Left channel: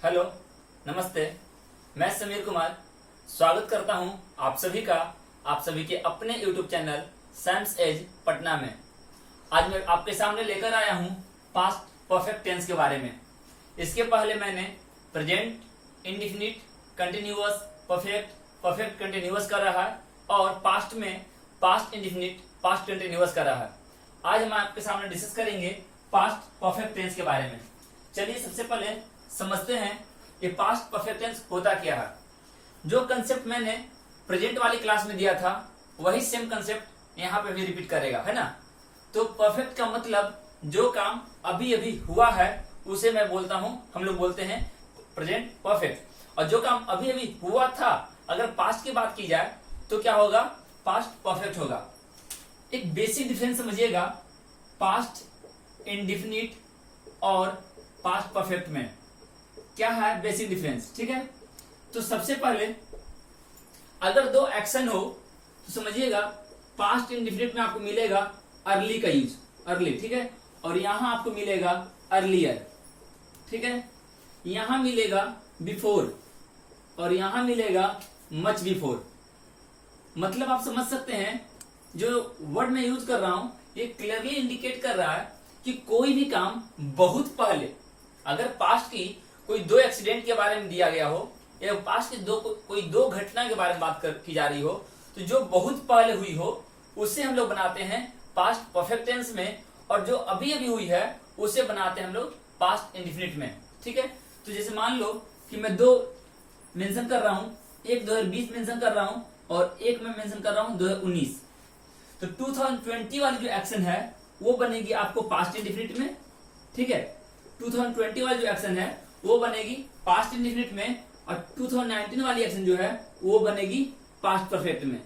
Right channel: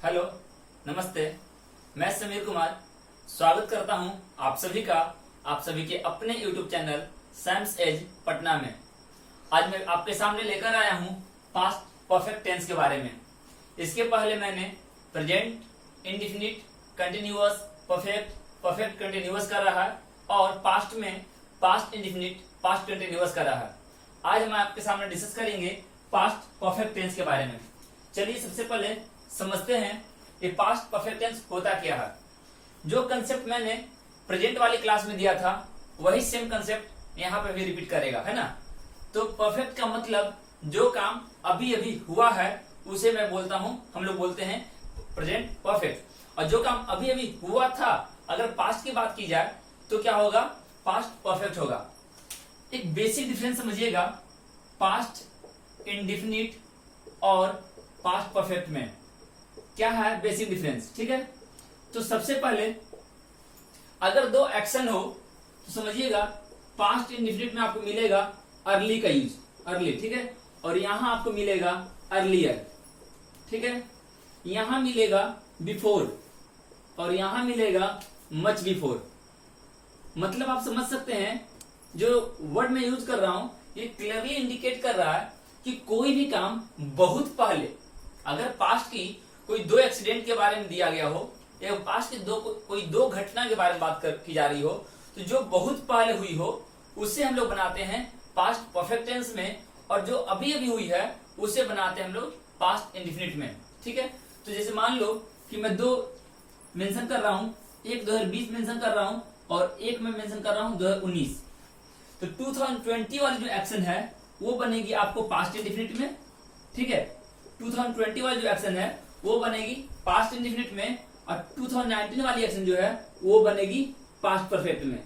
Hello, नमस्ते। मैं समीर कुमार स्वागत करता हूं आप सभी के अपने YouTube channel Sams edge Patna में। आज मैं आपके सामने लेकर आया हूं पास्ट परफेक्ट टेंस के बारे में। इसके पहले मैंने present, indefinite, continuous, perfect, perfect continuous कर रहा है और पास्ट में पास्ट इंडिफिनिट, पास्ट कंटिन्यूअस कर रहा है। आज हम आपके सामने डिस्कस करेंगे पास्ट परफेक्ट टेंस के बारे में। चलिए सबसे पहले समझते हैं ये पास्ट परफेक्ट टेंस होता क्या है। जो कंसेप्ट मैंने प्रेजेंट वाली क्लास में दिया था वही सेम कंसेप्ट यहाँ पे भी रिपीट करेगा, है ना। तो परफेक्ट का मतलब जो काम अभी अभी हुआ है उसे मैं बोलता हूँ, हम लोग बोलते हैं प्रेजेंट परफेक्ट। और जो काम अभी अभी हुआ था अगर पास्ट की बात की जाए तो क्या होगा, पास्ट परफेक्ट होगा। एक बेसिक डिफरेंस समझिएगा पास्ट इंडिफिनिट और पास्ट परफेक्ट में। क्या है बेसिक डिफरेंस, ठीक है। तो सबसे पहले अगर दो एक्शन हो तो समझिएगा पास्ट इंडिफिनिट में आपको मिलेगा अर्ली का यूज, अर्ली, ठीक है। और यहां आपको मिलेगा अर्लियर, ठीक है। यहां मिलेगा बिफोर और यहां मिलेगा मच बिफोर। मतलब आप समझ सकते हैं जो वर्ड मैं यूज कर रहा हूं ये क्लियरली इंडिकेट कर रहा है कि कोई भी काम बहुत पहले, अगर पास्ट की कोई दो एक्सीडेंट के बारे में दिया गया हो या पास्ट की कोई दो घटना के बारे में बात की जा रही हो तो जो बहुत पहले हुई हो उसे हम लोग बनाते हैं पास्ट परफेक्ट टेंस में, और जो अभी अभी हुई है उसे बनाते हैं हम लोग पास्ट इंडिफिनिट में, ठीक है। तो जैसे मान लो कि मैं दो मेंशन कर रहा हूं, एक 2020 मेंशन कर रहा हूं और एक मैं मेंशन कर रहा हूं 2019। तो 2020 वाली जो एक्शन है वो बनेगी आपको पास्ट इंडिफिनिट में, ठीक है। 2020 वाली जो एक्शन है वो बनेगी पास्ट इंडिफिनिट में और 2019 वाली एक्शन जो है वो बनेगी पास्ट परफेक्ट में।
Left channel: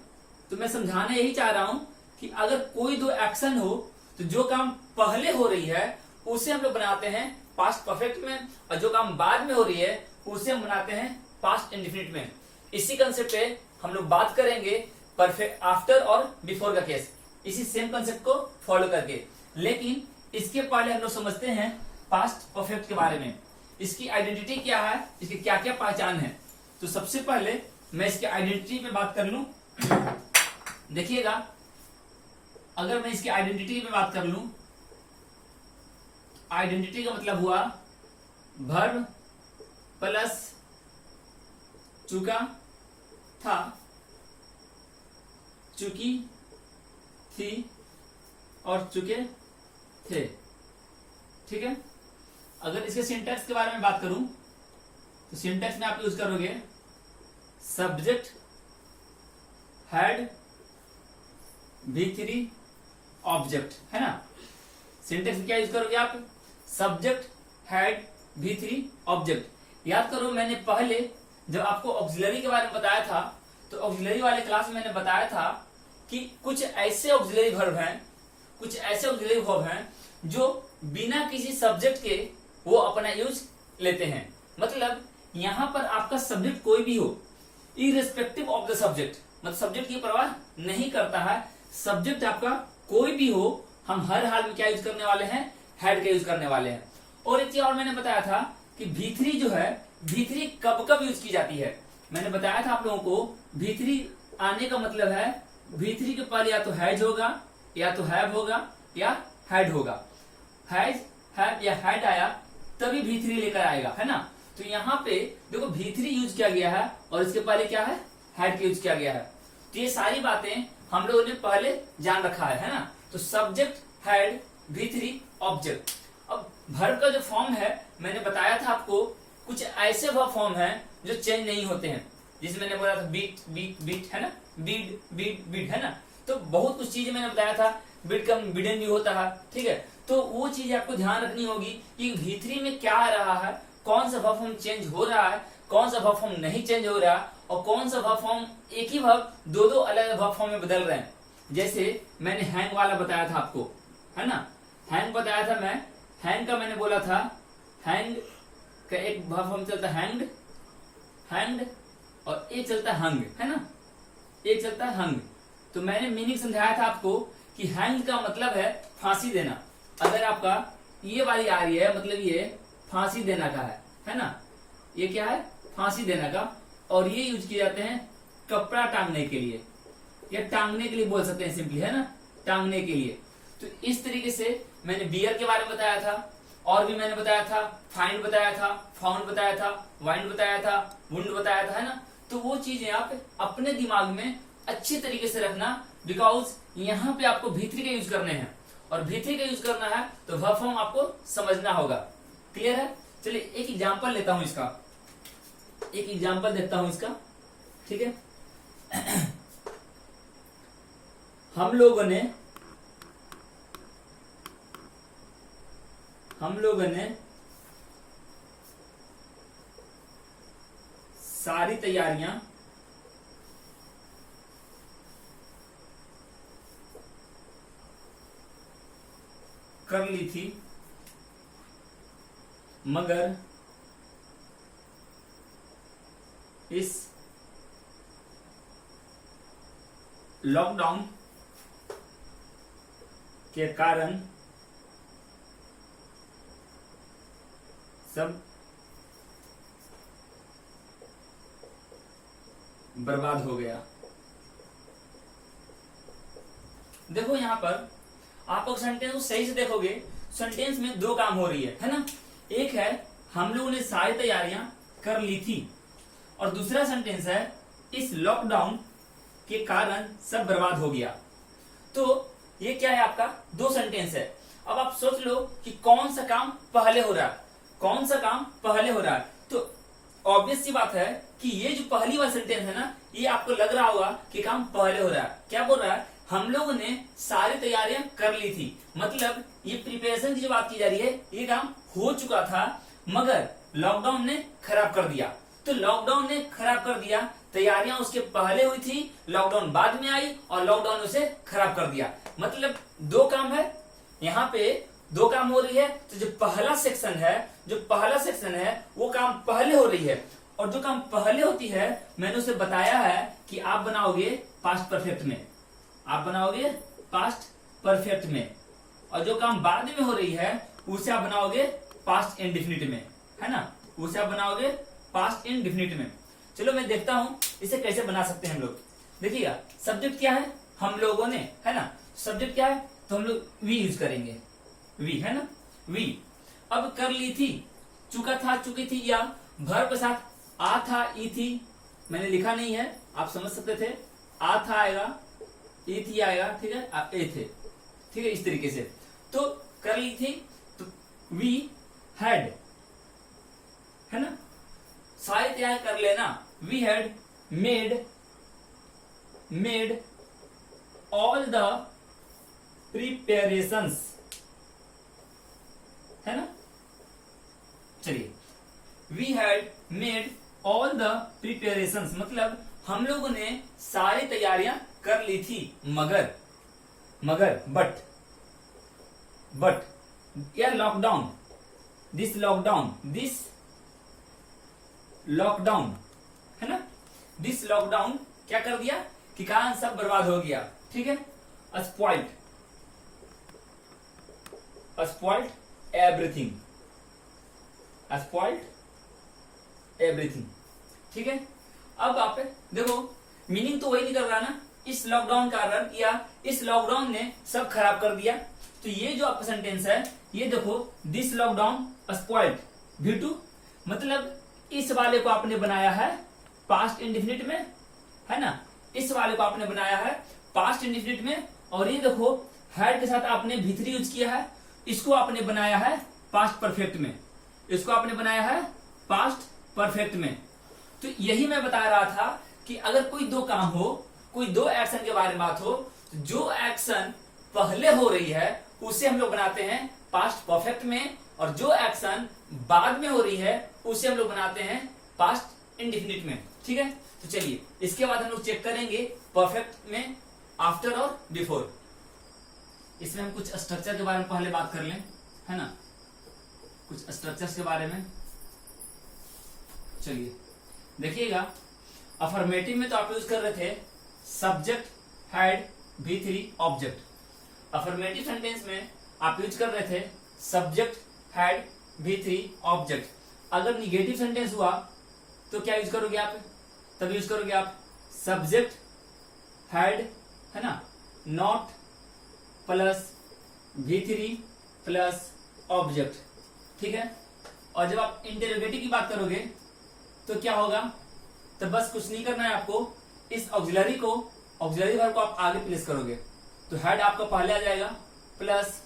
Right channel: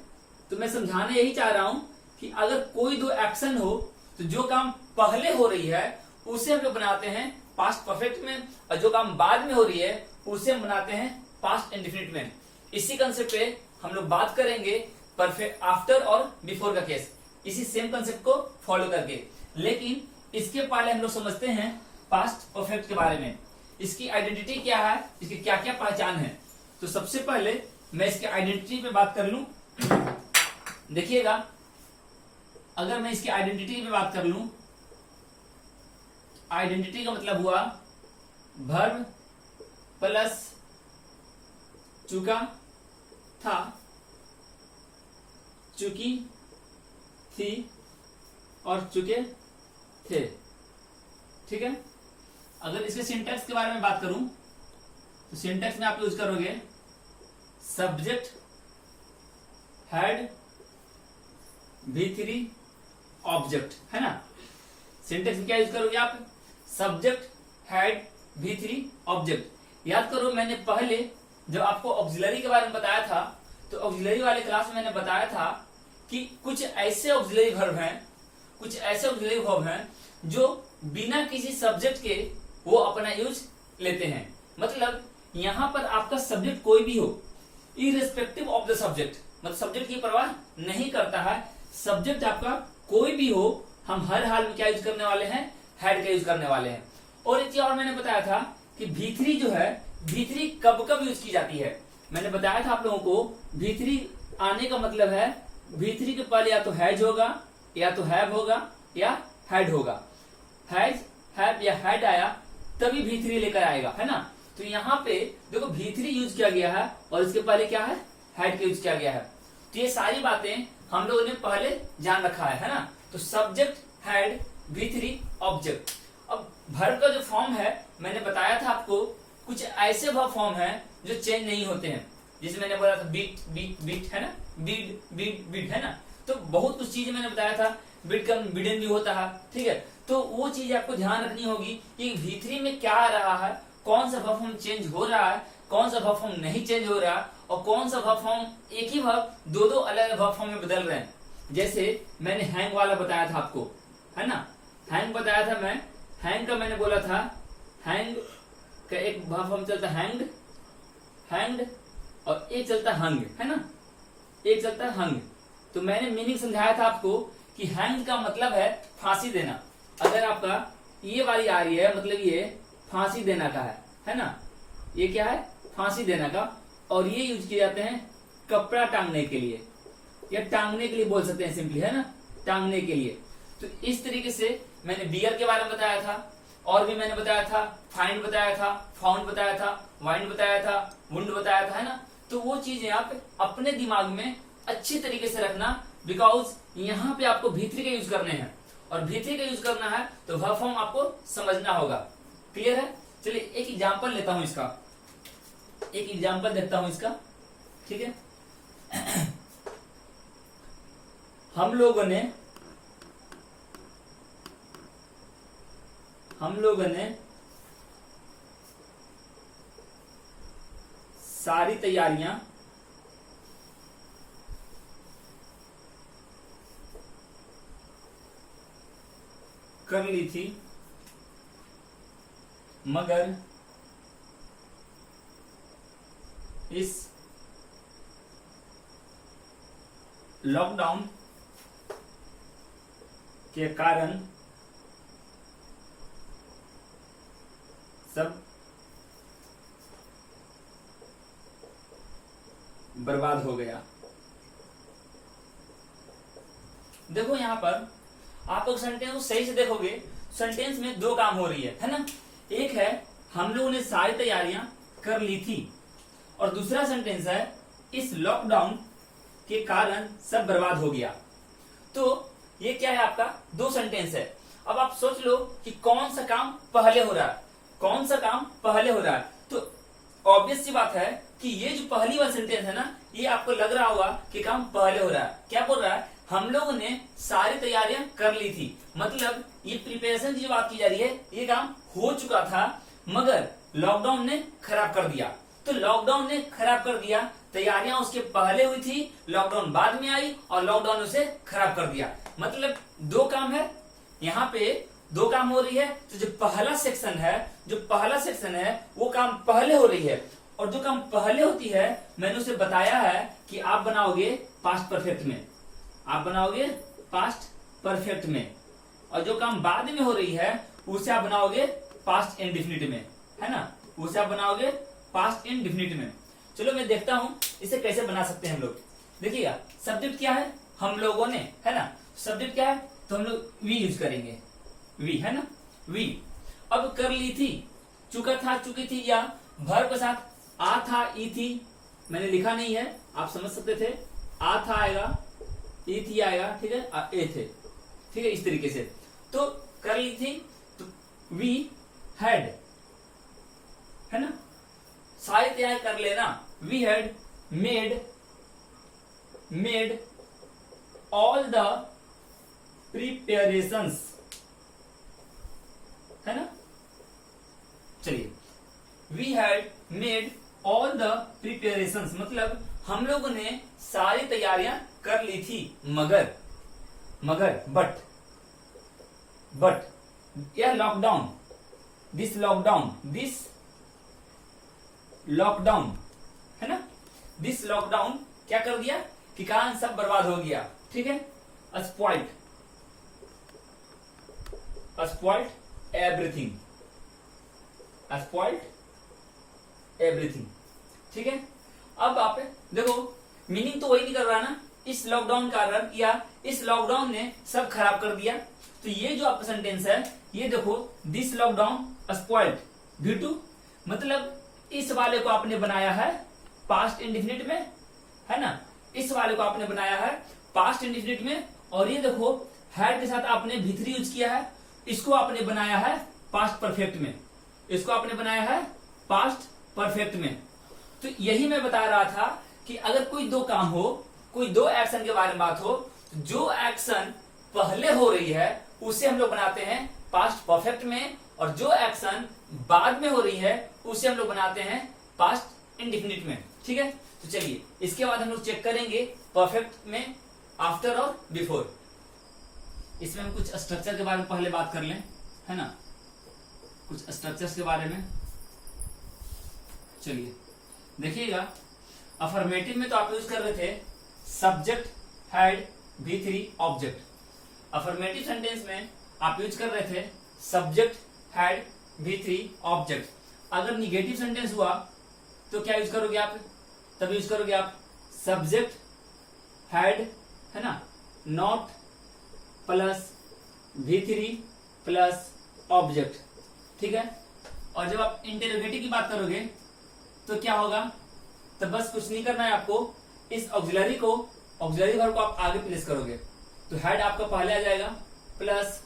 तो मैं समझाना यही चाह रहा हूं कि अगर कोई दो एक्शन हो तो जो काम पहले हो रही है उसे हम लोग बनाते हैं पास्ट परफेक्ट में और जो काम बाद में हो रही है उसे हम बनाते हैं पास्ट इंडिफिनिट में। इसी कंसेप्ट पे हम लोग बात करेंगे परफेक्ट आफ्टर और बिफोर का केस, इसी सेम कंसेप्ट को फॉलो करके। लेकिन इसके पहले हम लोग समझते हैं पास्ट परफेक्ट के बारे में। इसकी आइडेंटिटी क्या है, इसकी क्या क्या पहचान है। तो सबसे पहले मैं इसकी आइडेंटिटी पे बात कर लूं। देखिएगा अगर मैं इसकी आइडेंटिटी पे बात कर लूं, आइडेंटिटी का मतलब हुआ वर्ब प्लस चुका था, चुकी थी और चुके थे, ठीक है। अगर इसके सिंटैक्स के बारे में बात करूं तो सिंटैक्स में आप यूज करोगे सब्जेक्ट हैड V3 ऑब्जेक्ट, है ना। सिंटैक्स में क्या यूज करोगे आप, सब्जेक्ट हैड V3 ऑब्जेक्ट। याद करो मैंने पहले जब आपको ऑक्सिलरी के बारे में बताया था तो ऑक्सिलरी वाले क्लास में मैंने बताया था कि कुछ ऐसे ऑक्सिलरी वर्ब हैं, कुछ ऐसे ऑक्सिलरी वर्ब हैं जो बिना किसी सब्जेक्ट के वो अपना यूज लेते हैं। मतलब यहां पर आपका सब्जेक्ट कोई भी हो, इरेस्पेक्टिव ऑफ द सब्जेक्ट, मतलब सब्जेक्ट की परवाह नहीं करता है, सब्जेक्ट आपका कोई भी हो, हम हर हाल में क्या यूज करने वाले हैं, हैड का यूज करने वाले हैं। और एक चीज और मैंने बताया था कि V3 जो है, V3 कब कब यूज की जाती है। मैंने बताया था आप लोगों को V3 आने का मतलब है V3 के पहले या तो हैज होगा या तो हैव होगा या हैड होगा। हैज, हैव या हैड आया तभी V3 लेकर आएगा, है ना। तो यहाँ पे देखो V3 यूज किया गया है और इसके पहले क्या है, हैड का यूज किया गया है। तो ये सारी बातें हम लोगों ने पहले जान रखा है ना। तो सब्जेक्ट हैड V3 ऑब्जेक्ट। अब वर्ब का जो फॉर्म है मैंने बताया था आपको, कुछ ऐसे वर्ब फॉर्म है जो चेंज नहीं होते हैं। जैसे मैंने बोला था बीट बीट बीट, है ना, बीड बीट बीट, है ना। तो बहुत कुछ चीजें मैंने बताया था, बीट कम बीडन भी होता है, ठीक है। तो वो चीज आपको ध्यान रखनी होगी कि V3 में क्या आ रहा है, कौन सा वर्ब फॉर्म चेंज हो रहा है, कौन सा वर्ब फॉर्म नहीं चेंज हो रहा, और कौन सा वर्ब फॉर्म एक ही वर्ब दो दो अलग अलग वर्ब फॉर्म में बदल रहे हैं। जैसे मैंने हैंग वाला बताया था आपको, है ना, हैंग बताया था मैं। हैंग का मैंने बोला था, हैंग का एक वर्ब फॉर्म चलता है हैंग्ड, हैंग्ड, और एक चलता है हंग, है ना, एक चलता है हंग। तो मैंने मीनिंग समझाया था आपको कि हैंग का मतलब है फांसी देना। अगर आपका ये वाली आ रही है मतलब ये फांसी देना का है ना। ये क्या है, फांसी देने का, और ये यूज किए जाते हैं कपड़ा टांगने के लिए, या टांगने के लिए बोल सकते हैं सिंपली, है ना, टांगने के लिए। तो इस तरीके से मैंने बियर के बारे में बताया था, और भी मैंने बताया था, फाइंड बताया था, फाउंड बताया था, वाइंड बताया था, वुंड बताया था, है ना। तो वो चीजें आप अपने दिमाग में अच्छी तरीके से रखना, बिकॉज यहाँ पे आपको भीतरी का यूज करने हैं, और भीतरी का यूज करना है तो वर्ब फॉर्म आपको समझना होगा। क्लियर है? चलिए एक एग्जाम्पल लेता हूं इसका, एक एग्जाम्पल देता हूं इसका, ठीक है। हम लोगों ने सारी तैयारियां कर ली थी, मगर इस लॉकडाउन के कारण सब बर्बाद हो गया। देखो यहां पर आप लोग सेंटेंस को सही से देखोगे, सेंटेंस में दो काम हो रही है ना। एक है हम लोगों ने सारी तैयारियां कर ली थी, और दूसरा सेंटेंस है इस लॉकडाउन के कारण सब बर्बाद हो गया। तो ये क्या है, आपका दो सेंटेंस है। अब आप सोच लो कि कौन सा काम पहले हो रहा है, कौन सा काम पहले हो रहा है। तो ऑब्वियस सी बात है कि ये जो पहली वाला सेंटेंस है ना, ये आपको लग रहा होगा कि काम पहले हो रहा है। क्या बोल रहा है, हम लोगों ने सारी तैयारियां कर ली थी, मतलब ये प्रिपरेशन की जो बात की जा रही है, ये काम हो चुका था मगर लॉकडाउन ने खराब कर दिया। तो लॉकडाउन ने खराब कर दिया, तैयारियां उसके पहले हुई थी, लॉकडाउन बाद में आई और लॉकडाउन उसे खराब कर दिया। मतलब दो काम है, यहाँ पे दो काम हो रही है। तो जो पहला सेक्शन है वो काम पहले हो रही है, और जो काम पहले होती है मैंने उसे बताया है कि आप बनाओगे पास्ट परफेक्ट में, आप बनाओगे पास्ट परफेक्ट में, और जो काम बाद में हो रही है उसे आप बनाओगे पास्ट इंडेफिनिट में, है ना, उसे आप बनाओगे पास्ट इंडेफिनिट में। चलो मैं देखता हूं इसे कैसे बना सकते हैं हम लोग। देखिएगा सब्जेक्ट क्या है, हम लोगों ने, है ना, सब्जेक्ट क्या है, तो हम लोग वी यूज करेंगे, वी, है ना, वी। अब कर ली थी, चुका था, चुकी थी, या वर्ब के साथ आ था, ई थी, मैंने लिखा नहीं है, आप समझ सकते थे, आ था आएगा, ई थी आएगा, ठीक है, ए थे, ठीक है, इस तरीके से। तो कर ली थी, तो वी हैड, है ना, शायद यह कर लेना, we had made all the preparations, है ना। चलिए, we had made all the preparations, मतलब हम लोगों ने सारी तैयारियां कर ली थी, मगर बट या लॉकडाउन, दिस लॉकडाउन, है ना, दिस लॉकडाउन क्या कर दिया कि कारण सब बर्बाद हो गया, ठीक है। स्पॉइल्ड एवरीथिंग, ठीक है। अब आप देखो मीनिंग तो वही नहीं कर रहा ना, इस लॉकडाउन कारण या इस लॉकडाउन ने सब खराब कर दिया। तो ये जो आपका सेंटेंस है, ये देखो, दिस लॉकडाउन स्पॉइल्ड V2, मतलब इस वाले को आपने बनाया है पास्ट इंडेफिनिट में, है ना, इस वाले को आपने बनाया है पास्ट इंडेफिनिट में, और ये देखो हैड के साथ आपने भीतरी यूज किया है, इसको आपने बनाया है पास्ट परफेक्ट में, इसको आपने बनाया है पास्ट परफेक्ट में। तो यही मैं बता रहा था कि अगर कोई दो काम हो, कोई दो एक्शन के बारे में बात हो, तो जो एक्शन पहले हो रही है उसे हम लोग बनाते हैं पास्ट परफेक्ट में, और जो एक्शन बाद में हो रही है उसे हम लोग बनाते हैं पास्ट इंडेफिनिट में, ठीक है। तो चलिए इसके बाद हम लोग चेक करेंगे परफेक्ट में आफ्टर और बिफोर। इसमें हम कुछ स्ट्रक्चर के बारे में पहले बात कर लें, है ना, कुछ स्ट्रक्चर्स के बारे में। चलिए देखिएगा, अफर्मेटिव में तो आप यूज कर रहे थे subject had V3 object, affirmative sentence में आप यूज कर रहे थे सब्जेक्ट हैड V3 ऑब्जेक्ट। अगर निगेटिव सेंटेंस हुआ तो क्या यूज करोगे आप, तब यूज करोगे आप सब्जेक्ट हैड, है ना, not plus V3 plus object, ठीक है। और जब आप इंटेरोगेटिव की बात करोगे तो क्या होगा, तो बस कुछ नहीं करना है आपको, इस ऑक्सिलरी वर्ब को आप आगे प्लेस करोगे, तो हेड आपका पहले आ जाएगा प्लस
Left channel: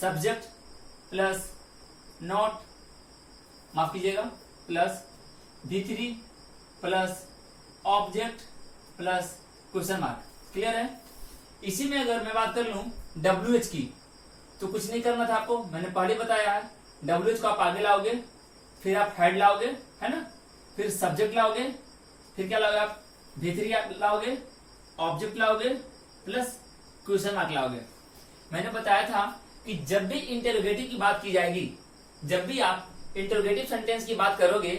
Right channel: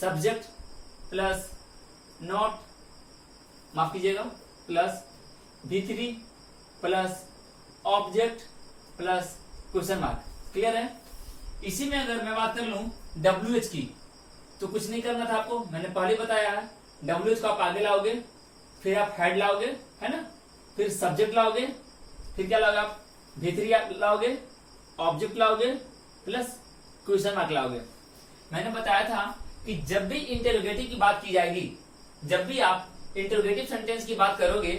सब्जेक्ट प्लस नॉट, माफ कीजिएगा, plus V3 plus object plus question mark. Clear है। इसी में अगर मैं बात कर लूं WH की, तो कुछ नहीं करना था आपको, मैंने पहले बताया है। WH को आप आगे लाओगे, फिर आप हेड लाओगे, है ना, फिर सब्जेक्ट लाओगे, फिर क्या लाओगे आप V3 लाओगे, ऑब्जेक्ट लाओगे प्लस क्वेश्चन मार्क लाओगे। मैंने बताया था कि जब भी इंटेरोगेटिव की बात की जाएगी, जब भी आप इंटेरोगेटिव सेंटेंस की बात करोगे,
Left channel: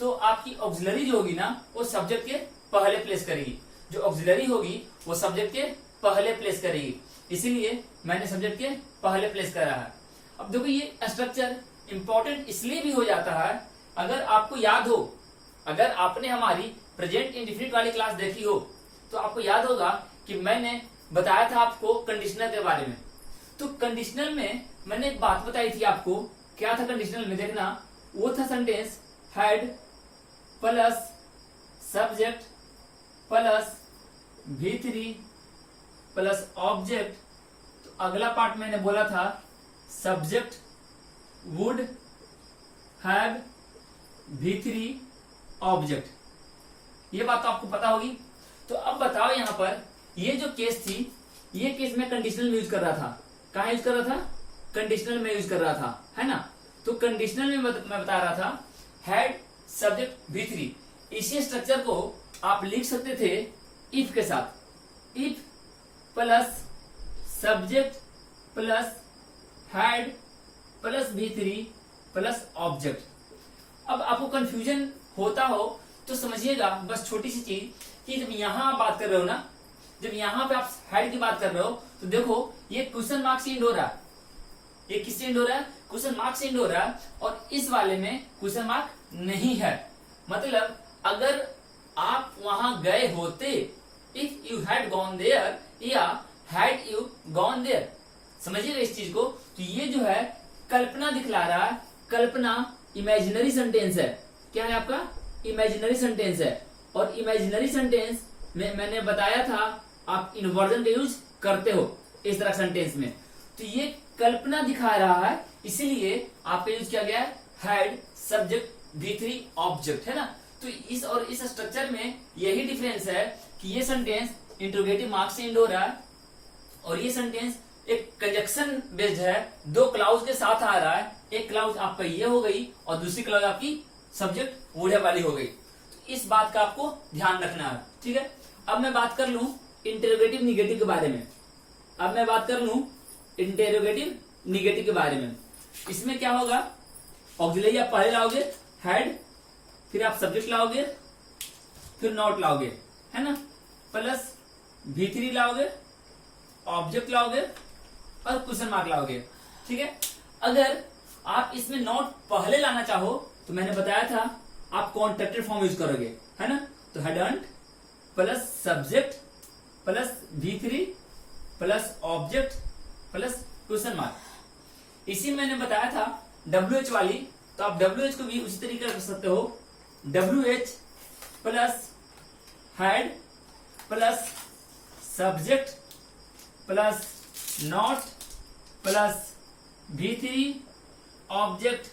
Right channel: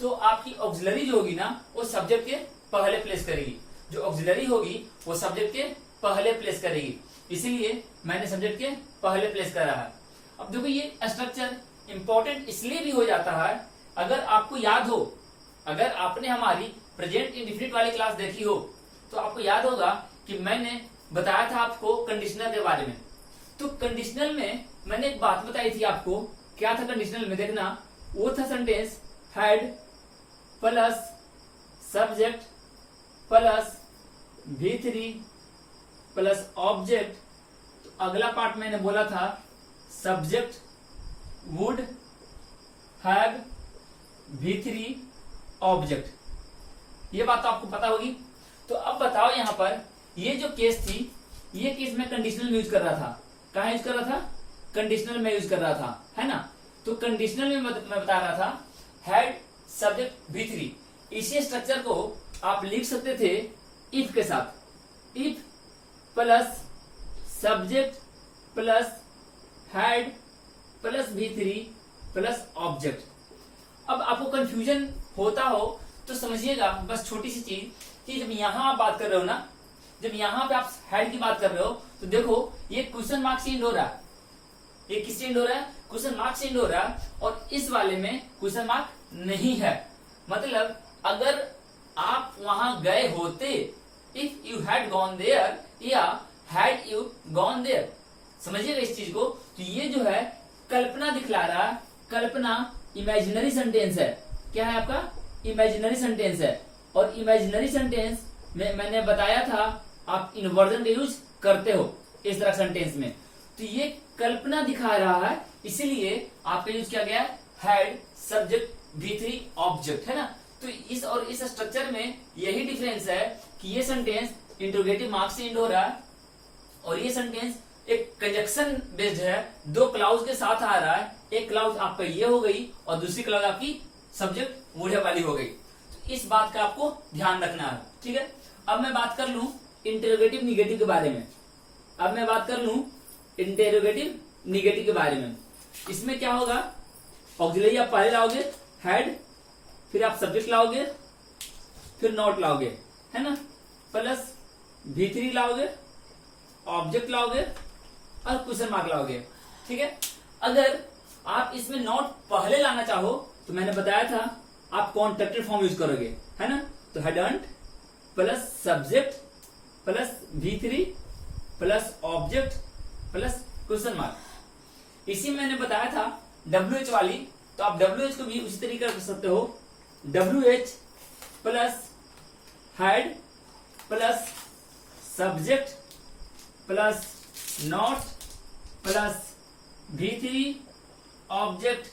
तो आपकी ऑक्सिलरी जो होगी ना, वो सब्जेक्ट के पहले प्लेस करेगी। जो ऑक्सिलरी होगी वो सब्जेक्ट के पहले प्लेस करेगी, इसीलिए मैंने सब्जेक्ट के पहले प्लेस करा है। अब देखो ये स्ट्रक्चर इंपॉर्टेंट इसलिए भी हो जाता है, अगर आपको याद हो, अगर आपने हमारी प्रेजेंट इंडेफिनिट वाली क्लास देखी हो, तो आपको याद होगा कि मैंने बताया था आपको कंडीशनल के बारे में। तो कंडीशनल में मैंने एक बात बताई थी आपको, क्या था कंडीशनल में, देखना, वो था sentence had plus subject plus V3 plus object. तो अगला पार्ट मैंने बोला था subject would have V3 object. ये बात तो आपको पता होगी। तो अब बताओ यहां पर ये जो केस थी, ये केस मैं कंडीशनल में यूज कर रहा था। कहां यूज कर रहा था, कंडीशनल में यूज कर रहा था, है ना। तो कंडीशनल में मैं बता रहा था हैड सब्जेक्ट V3। इसी स्ट्रक्चर को आप लिख सकते थे इफ के साथ, if plus subject plus had plus V3 plus object. अब आपको कंफ्यूजन होता हो तो समझिएगा, बस छोटी सी चीज, कि जब यहां आप बात कर रहे हो ना, जब यहां पे आप हेड की बात कर रहे हो, तो देखो ये क्वेश्चन मार्क से एंड हो रहा है, ये किससे एंड हो रहा है, क्वेश्चन मार्क से एंड हो रहा है, और इस वाले में क्वेश्चन मार्क नहीं है। मतलब अगर आप वहां गए होते, if you had gone there या हैड यू गॉन देयर, समझिएगा इस चीज को। तो ये जो है कल्पना दिखला रहा है, कल्पना इमेजिनरी सेंटेंस है। क्या है आपका, इमेजिनरी सेंटेंस है। और इमेजिनरी सेंटेंस में मैंने बताया था आप इन्वर्जन का यूज करते हो इस तरह सेंटेंस में। तो ये कल्पना दिखा रहा है, इसीलिए आपका यूज किया गया है हैड सब्जेक्ट V3 ऑब्जेक्ट, है ना। तो इस और इस स्ट्रक्चर में यही डिफरेंस है कि ये सेंटेंस इंट्रोगेटिव मार्क से एंड हो रहा है, और ये सेंटेंस एक कंजक्शन बेस्ड है, दो क्लाउज के साथ आ रहा है। एक क्लाउज आपका ये हो गई और दूसरी क्लाउज आपकी सब्जेक्ट वुड हैव वाली हो गई। तो इस बात का आपको ध्यान रखना है, ठीक है। अब मैं बात कर लूं इंटेरोगेटिव निगेटिव के बारे में। अब मैं बात कर लूं इंटेरोगेटिव निगेटिव के बारे में। इसमें क्या होगा, ऑक्सिलरी आप पहले लाओगे हैड, फिर आप सब्जेक्ट लाओगे, फिर नॉट लाओगे, है ना, प्लस V3 लाओगे, ऑब्जेक्ट लाओगे और क्वेश्चन मार्क लाओगे, ठीक है। अगर आप इसमें नॉट पहले लाना चाहो तो मैंने बताया था आप कॉन्ट्रैक्टेड फॉर्म यूज करोगे, है ना। तो hadn't plus subject plus V3 plus object plus question mark. इसी में मैंने बताया था WH वाली, तो आप WH को भी उसी तरीके कर सकते हो, WH plus had plus subject plus not plus V3 object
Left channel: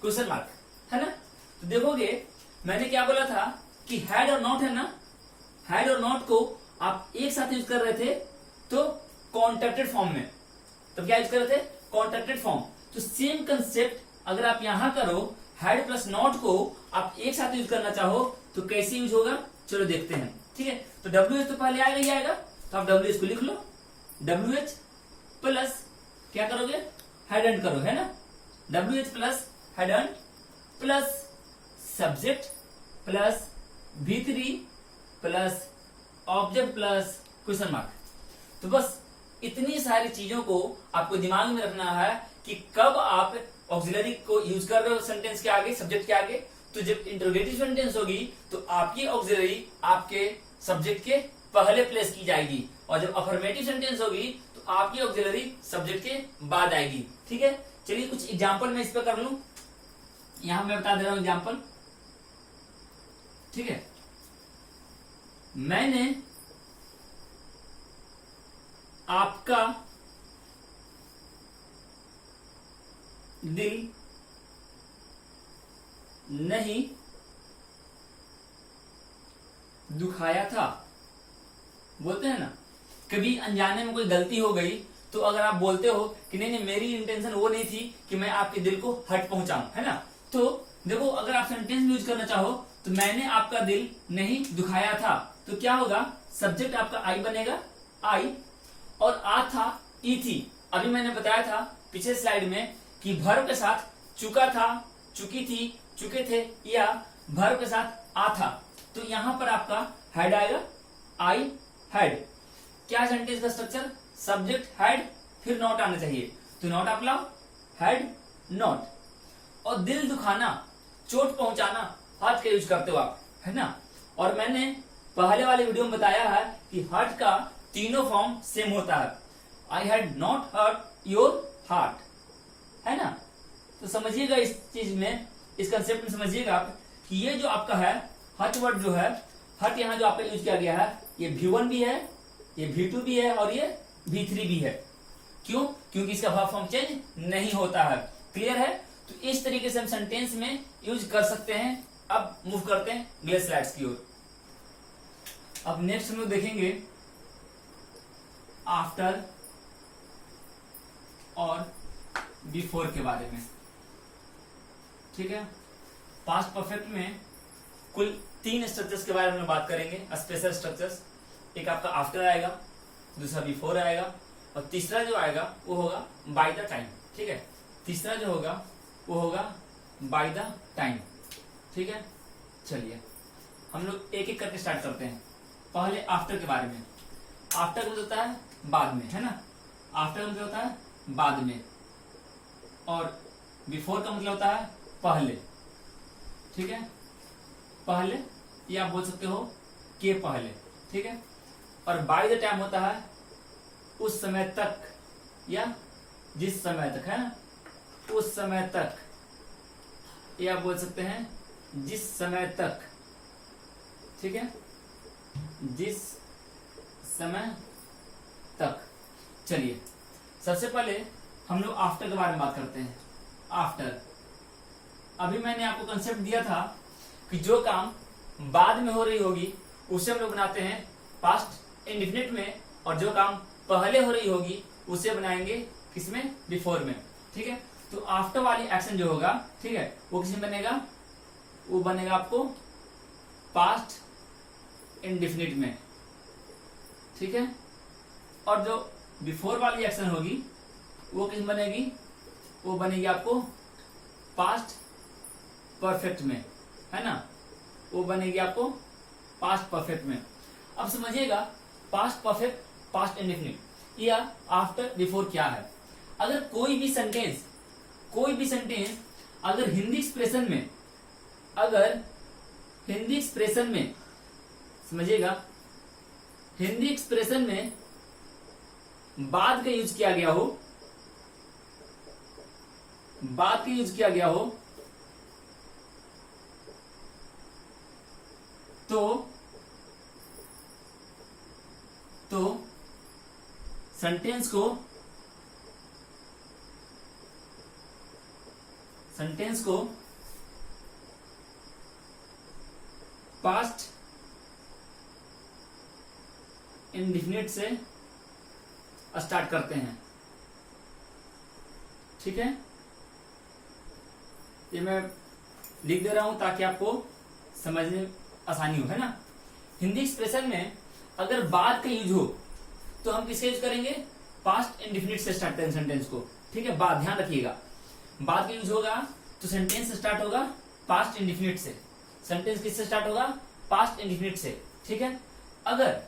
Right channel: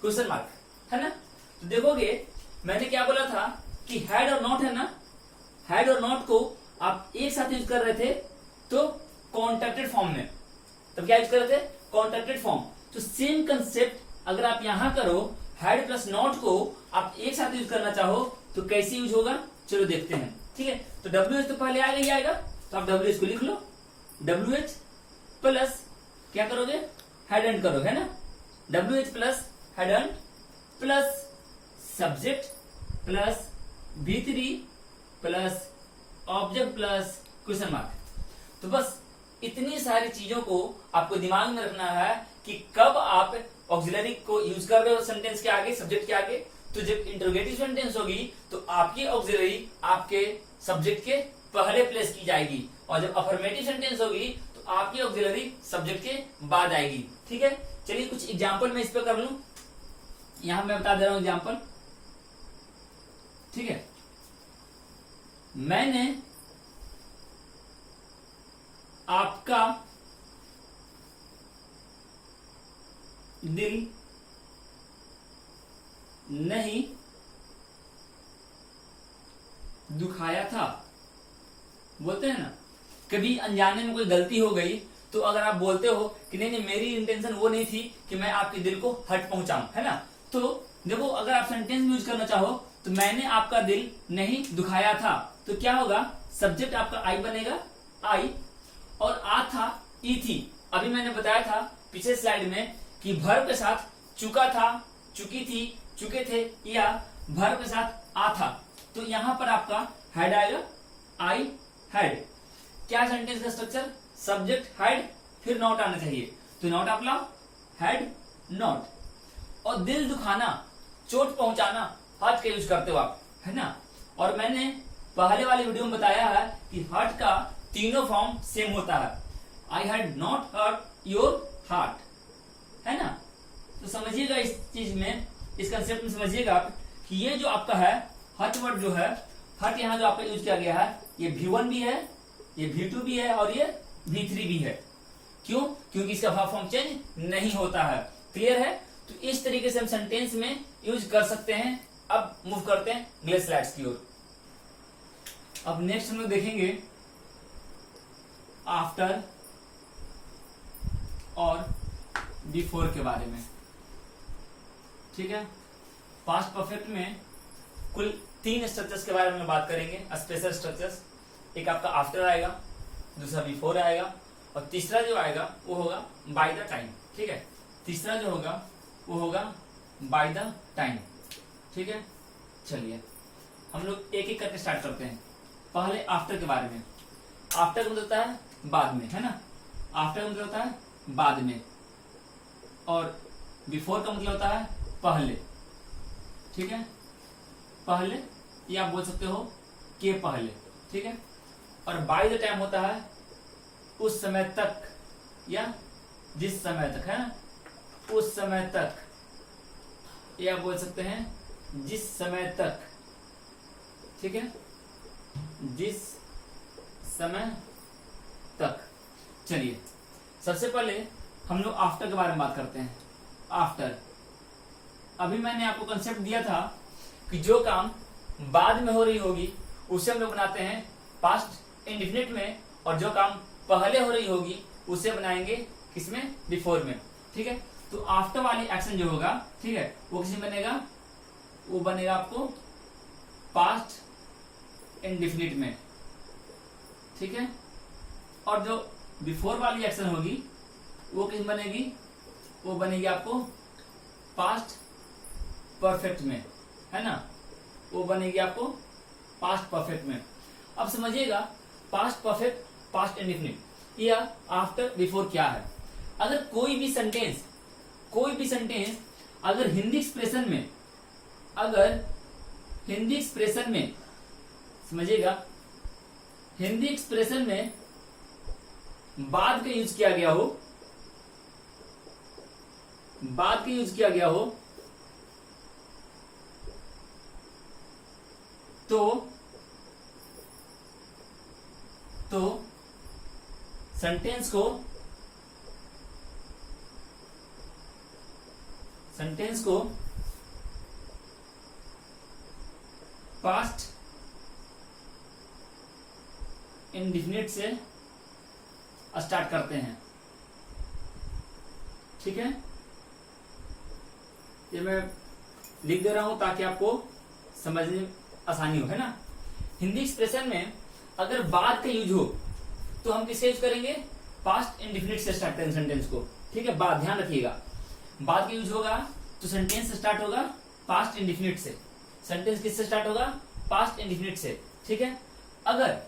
question mark, है ना। तो देखोगे मैंने क्या बोला था कि हैड और नॉट है ना, हैड और नॉट को आप एक साथ यूज कर रहे थे तो कॉन्ट्रैक्टेड फॉर्म में, तब क्या यूज कर रहे थे, कॉन्ट्रैक्टेड फॉर्म। तो सेम कंसेप्ट अगर आप यहां करो, हैड प्लस नॉट को आप एक साथ यूज करना चाहो तो कैसे यूज होगा, चलो देखते हैं, ठीक है। तो WH तो पहले आएगा ही आएगा, तो आप WH को लिख लो, WH प्लस क्या करोगे, हेडंट करोगे, है ना। WH plus hadn't plus subject plus V3 plus object plus question mark. तो बस इतनी सारी चीजों को आपको दिमाग में रखना है कि कब आप ऑक्सिलरी को यूज कर रहे हो सेंटेंस के आगे, सब्जेक्ट के आगे, तो जब इंटरोगेटिव सेंटेंस होगी तो आपकी ऑक्सिलरी आपके सब्जेक्ट के पहले प्लेस की जाएगी, और जब अफर्मेटिव सेंटेंस होगी तो आपकी ऑक्सिलरी सब्जेक्ट के बाद आएगी। ठीक है, चलिए कुछ एग्जाम्पल मैं इस पर कर लूं। यहां मैं बता दे रहा हूं एग्जाम्पल। ठीक है, मैंने आपका दिल नहीं दुखाया था। बोलते हैं ना, कभी अनजाने में कोई गलती हो गई तो अगर आप बोलते हो कि नहीं नहीं मेरी इंटेंशन वो नहीं थी कि मैं आपके दिल को हर्ट पहुंचाऊं, है ना, तो देखो अगर आप सेंटेंस यूज करना चाहो तो मैंने आपका दिल नहीं दुखाया था, तो क्या होगा, सब्जेक्ट आपका आई बनेगा, आई, और आ था ई थी। अभी मैंने बताया था पिछले स्लाइड में कि वर्ब के साथ चुका था, चुकी थी, चुके थे, या वर्ब के साथ आ था, तो यहां पर आपका हैड आएगा, आई हैड। क्या सेंटेंस का स्ट्रक्चर, सब्जेक्ट हैड फिर नॉट आना चाहिए, तो नॉट आप लाओ, हैड नॉट। और दिल दुखाना, चोट पहुंचाना, हर्ट का यूज करते हो आप, है ना। और मैंने पहले वाले वीडियो में बताया है कि हर्ट का तीनों फॉर्म सेम होता है, I had not hurt your heart, है ना। तो समझिएगा इस चीज में, इस कंसेप्ट में समझिएगा आप कि ये जो आपका है हर्ट वर्ड जो है, हर्ट यहाँ जो आपका यूज किया गया है, ये V1 भी है, ये V2 भी है, और ये V3 भी है। क्यों? क्योंकि इसका भाव फॉर्म चेंज नहीं होता है। क्लियर है? तो इस तरीके से हम सेंटेंस में यूज कर सकते हैं। अब मूव करते हैं अगले स्लाइड्स की ओर। अब नेक्स्ट हम लोग देखेंगे आफ्टर और बिफोर के बारे में। ठीक है, पास्ट परफेक्ट में कुल 3 स्ट्रक्चर्स के बारे में बात करेंगे, स्पेशल स्ट्रक्चर्स। एक आपका आफ्टर आएगा, दूसरा बिफोर आएगा, और तीसरा जो आएगा वो होगा बाय द टाइम। ठीक है, तीसरा जो होगा वो होगा बाय द टाइम। ठीक है, चलिए हम लोग एक एक करके स्टार्ट करते हैं। पहले आफ्टर के बारे में। आफ्टर का मतलब होता है बाद में, है ना, आफ्टर का मतलब होता है बाद में, और बिफोर का मतलब होता है पहले। ठीक है, पहले, या आप बोल सकते हो के पहले। ठीक है, और बाय द टाइम होता है उस समय तक, या जिस समय तक, है ना, उस समय तक, या बोल सकते हैं जिस समय तक। ठीक है, जिस समय तक। चलिए सबसे पहले हम लोग आफ्टर के बारे में बात करते हैं। आफ्टर, अभी मैंने आपको कंसेप्ट दिया था कि जो काम बाद में हो रही होगी उसे हम लोग बनाते हैं पास्ट इंडिफिनिट में, और जो काम पहले हो रही होगी उसे बनाएंगे किसमें, बिफोर में। ठीक है, तो आफ्टर वाली एक्शन जो होगा, ठीक है, वो किसमें बनेगा, वो बनेगा आपको पास्ट इंडिफिनिट में। ठीक है, और जो बिफोर वाली एक्शन होगी वो किस बनेगी, वो बनेगी आपको पास्ट परफेक्ट में, है ना, वो बनेगी आपको पास्ट परफेक्ट में। अब समझिएगा पास्ट परफेक्ट, पास्ट इंडिफिनिट या आफ्टर बिफोर क्या है। अगर कोई भी सेंटेंस अगर हिंदी एक्सप्रेशन में समझिएगा, हिंदी एक्सप्रेशन में बाद का यूज किया गया हो, तो सेंटेंस को पास्ट इंडिफिनिट से स्टार्ट करते हैं। ठीक है, ये मैं लिख दे रहा हूं ताकि आपको समझने में आसानी हो, है ना। हिंदी एक्सप्रेशन में अगर बाद का यूज हो तो हम किससे यूज करेंगे, पास्ट इंडिफिनिट से स्टार्ट करेंगे सेंटेंस को। ठीक है, बाद, ध्यान रखिएगा, बाद का यूज होगा तो सेंटेंस स्टार्ट होगा पास्ट इंडिफिनिट से। सेंटेंस किससे स्टार्ट होगा, पास्ट इंडिफिनिट से। ठीक है, अगर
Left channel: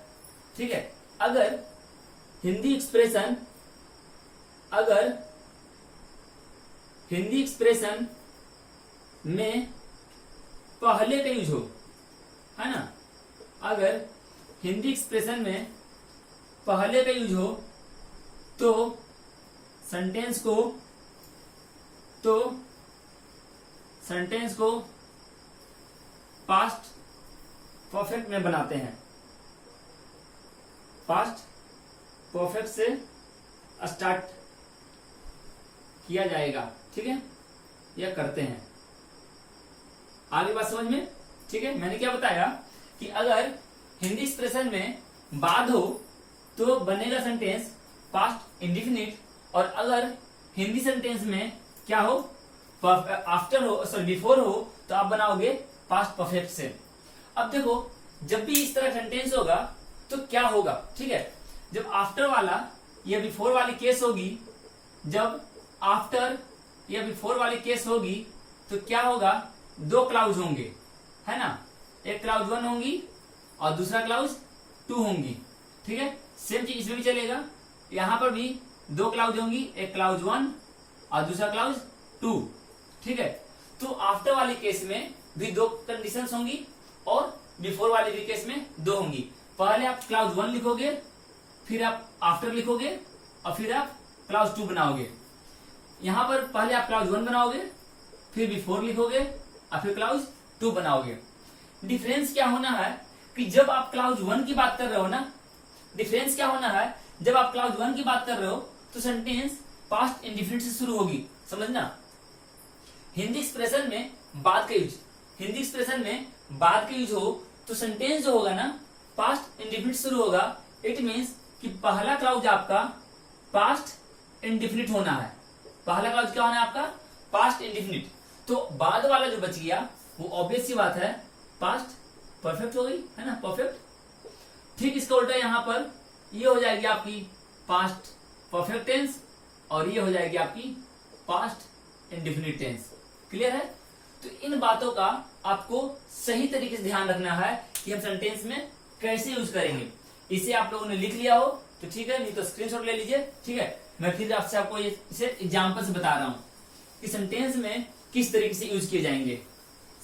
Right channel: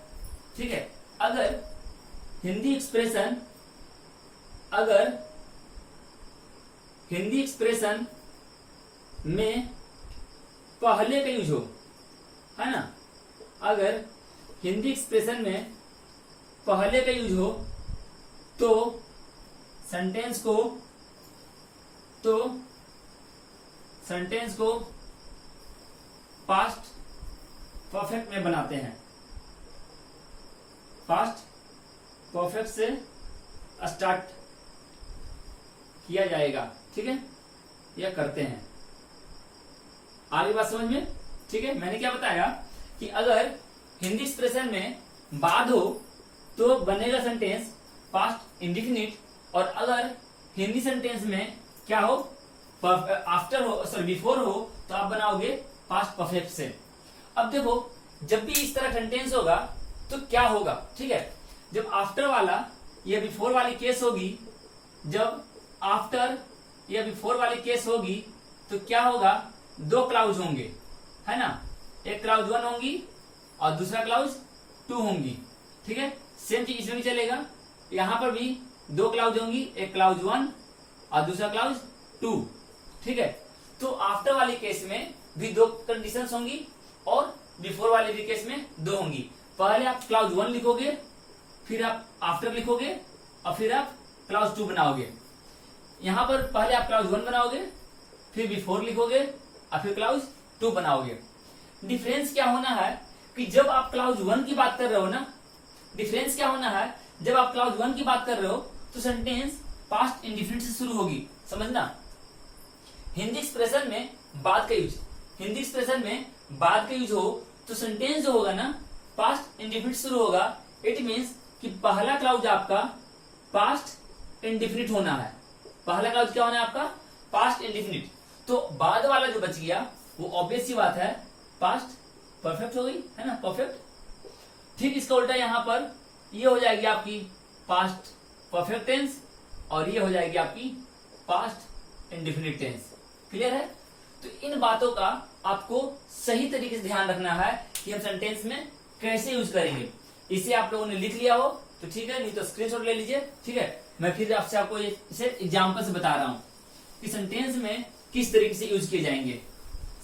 हिंदी एक्सप्रेशन में पहले का यूज हो, है ना, अगर हिंदी एक्सप्रेशन में पहले का यूज हो तो सेंटेंस को पास्ट परफेक्ट में बनाते हैं, पास्ट परफेक्ट से स्टार्ट किया जाएगा, ठीक है, यह करते हैं। आगे बात समझ में, ठीक है। मैंने क्या बताया कि अगर हिंदी एक्सप्रेशन में बाद हो तो बनेगा सेंटेंस पास्ट इंडिफिनिट, और अगर हिंदी सेंटेंस में क्या हो, आफ्टर हो, सॉरी बिफोर हो, तो आप बनाओगे पास्ट परफेक्ट से। अब देखो, जब भी इस तरह सेंटेंस होगा तो क्या होगा, ठीक है, जब आफ्टर वाला या बिफोर वाली केस होगी, जब आफ्टर या बिफोर वाली केस होगी तो क्या होगा, दो क्लाउज होंगे, है ना, एक क्लाउज 1 होंगी और दूसरा क्लाउज 2 होंगी, ठीक है। सेम चीज इसमें भी चलेगा, यहां पर भी दो क्लाउज होंगी, एक क्लाउज 1 और दूसरा क्लाउज 2, ठीक है। तो आफ्टर वाले केस में भी दो कंडीशंस होंगी और बिफोर वाले भी केस में दो होंगी। पहले आप क्लाउज 1 लिखोगे, फिर आप आफ्टर लिखोगे और फिर आप क्लाउज 2 बनाओगे। यहां पर पहले आप क्लाउज 1 बनाओगे, फिर बिफोर लिखोगे और फिर क्लाउज 2 बनाओगे। डिफरेंस क्या होना है कि जब आप क्लाउज 1 की बात कर रहे हो ना, डिफरेंस क्या होना है, जब आप क्लाउज 1 की बात कर रहे हो तो सेंटेंस पास्ट इंडिफिनिट से शुरू होगी, समझना। हिंदी एक्सप्रेशन में बाद का यूज, हिंदी एक्सप्रेशन में बाद का यूज हो तो सेंटेंस जो होगा ना पास्ट इंडिफिनिट शुरू होगा। इट मीन्स कि पहला क्लाउज आपका पास्ट इंडिफिनिट होना है। पहला क्लाउज क्या होना है आपका, पास्ट इंडिफिनिट। तो बाद वाला जो बच गया वो ऑब्वियस सी बात है पास्ट परफेक्ट हो गई, है ना, परफेक्ट। ठीक इसका उल्टा यहां पर ये हो जाएगी आपकी पास्ट परफेक्ट टेंस और ये हो जाएगी आपकी पास्ट इंडिफिनिट टेंस। क्लियर है। तो इन बातों का आपको सही तरीके से ध्यान रखना है कि हम सेंटेंस में कैसे यूज करेंगे। इसे आप लोगों ने लिख लिया हो तो ठीक है, नहीं तो स्क्रीनशॉट ले लीजिए, ठीक है। मैं फिर आपसे आपको इसे एग्जाम्पल से बता रहा हूं कि सेंटेंस में किस तरीके से यूज किए जाएंगे।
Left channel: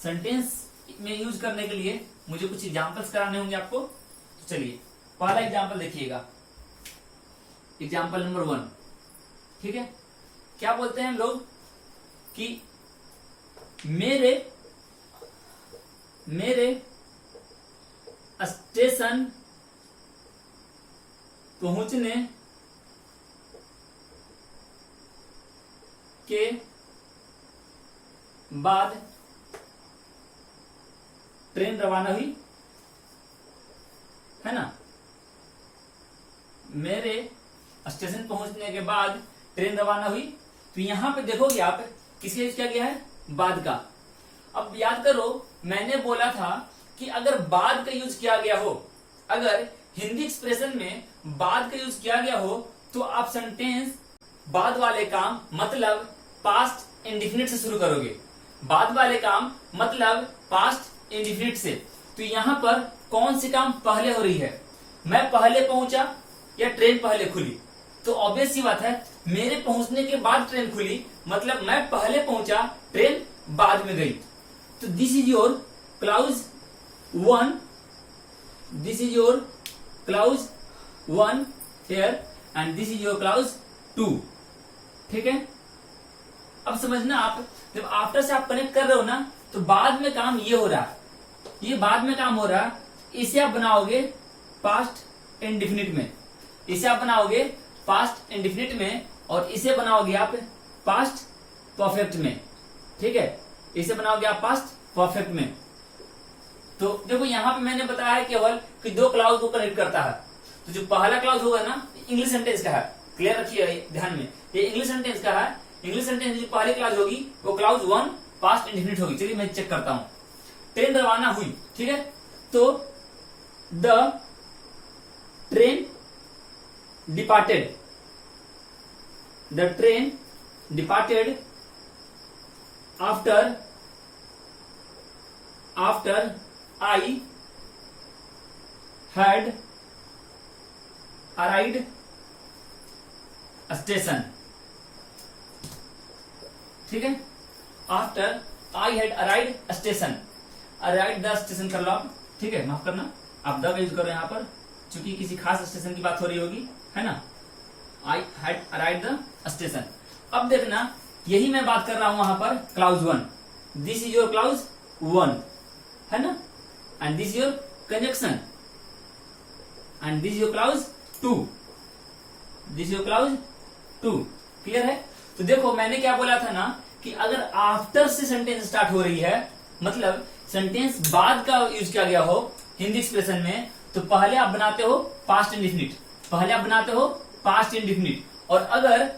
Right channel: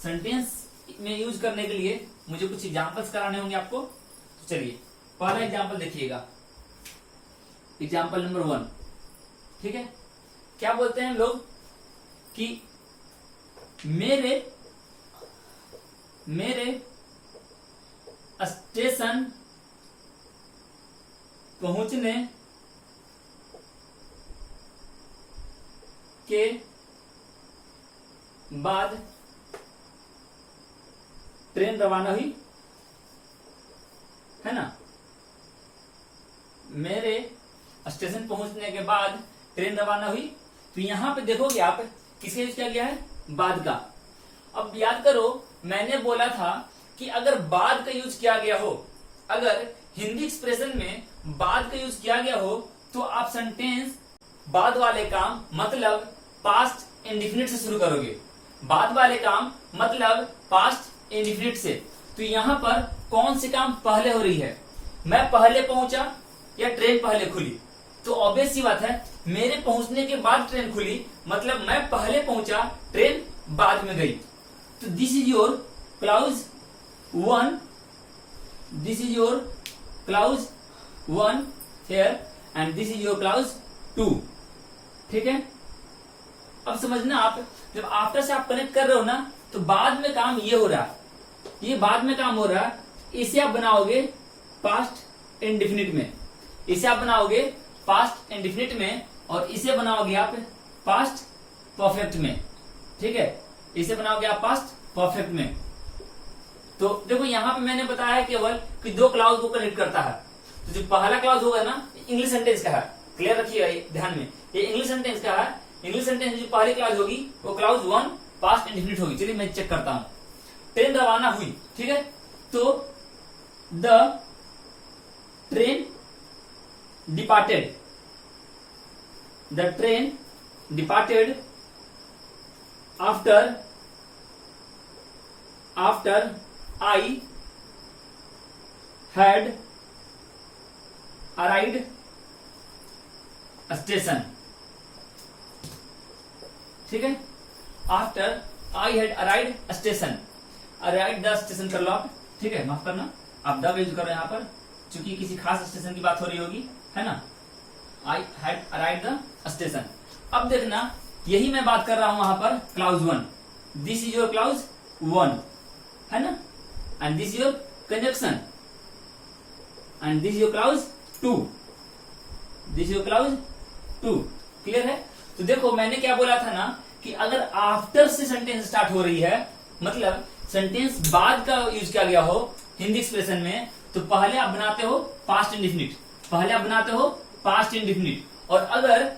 सेंटेंस में यूज करने के लिए मुझे कुछ एग्जाम्पल्स कराने होंगे आपको। तो चलिए पहला एग्जाम्पल देखिएगा, एग्जाम्पल नंबर 1, ठीक है। क्या बोलते हैं हम लोग कि मेरे स्टेशन पहुंचने के बाद ट्रेन रवाना हुई, है ना। मेरे स्टेशन पहुंचने के बाद ट्रेन रवाना हुई। तो यहां पे देखोगे आप किसका यूज किया गया है, बाद का। अब याद करो मैंने बोला था कि अगर बाद का यूज किया गया हो, अगर हिंदी एक्सप्रेशन में बाद का यूज किया गया हो तो आप सेंटेंस बाद वाले काम मतलब पास्ट इंडिफिनिट से शुरू करोगे। बाद वाले काम मतलब पास्ट इंडिफिनिट से। तो यहां पर कौन सी काम पहले हो रही है, मैं पहले पहुंचा या ट्रेन पहले खुली। तो ऑब्वियस सी बात है मेरे पहुंचने के बाद ट्रेन खुली, मतलब मैं पहले पहुंचा ट्रेन बाद में गई। तो this is your clause 1, this is your clause 1 here and this is your clause 2, ठीक है। अब समझना आप जब आफ्टर से आप कनेक्ट कर रहे हो ना तो बाद में काम ये हो रहा है, ये बाद में काम हो रहा है। इसे आप बनाओगे पास्ट इंडिफिनिट में, इसे आप बनाओगे पास्ट इंडिफिनिट में और इसे बनाओगे आप पास्ट परफेक्ट में, ठीक है। इसे बनाओगे आप पास्ट परफेक्ट में। तो देखो यहां पे मैंने बताया है केवल कि दो क्लाउज को कनेक्ट करता है। तो जो पहला क्लाउज होगा ना इंग्लिश सेंटेंस का है, क्लियर रखिए ध्यान में, ये इंग्लिश सेंटेंस का है। इंग्लिश सेंटेंस जो पहली क्लाउज होगी वो क्लाउज 1 पास्ट इंडिफिनिट होगी। चलिए मैं चेक करता हूं। ट्रेन रवाना हुई, ठीक है। तो the train departed, the train departed after I had arrived station, ठीक है। after I had arrived station, arrive the station कर लो आप, ठीक है, माफ करना आप द का यूज करो यहाँ पर, चूंकि किसी खास स्टेशन की बात हो रही होगी, है ना। I had arrive the station. अब देखना यही मैं बात कर रहा हूं वहां पर clause 1, this is your clause 1, है ना, and this your conjunction, and this your clause 2, this your clause 2। Clear है। तो देखो मैंने क्या बोला था ना कि अगर आफ्टर से सेंटेंस स्टार्ट हो रही है, मतलब सेंटेंस बाद का यूज किया गया हो हिंदी एक्सप्रेशन में, तो पहले आप बनाते हो पास्ट इंडेफिनिट, पहले आप बनाते हो पास्ट इंडेफिनिट, और अगर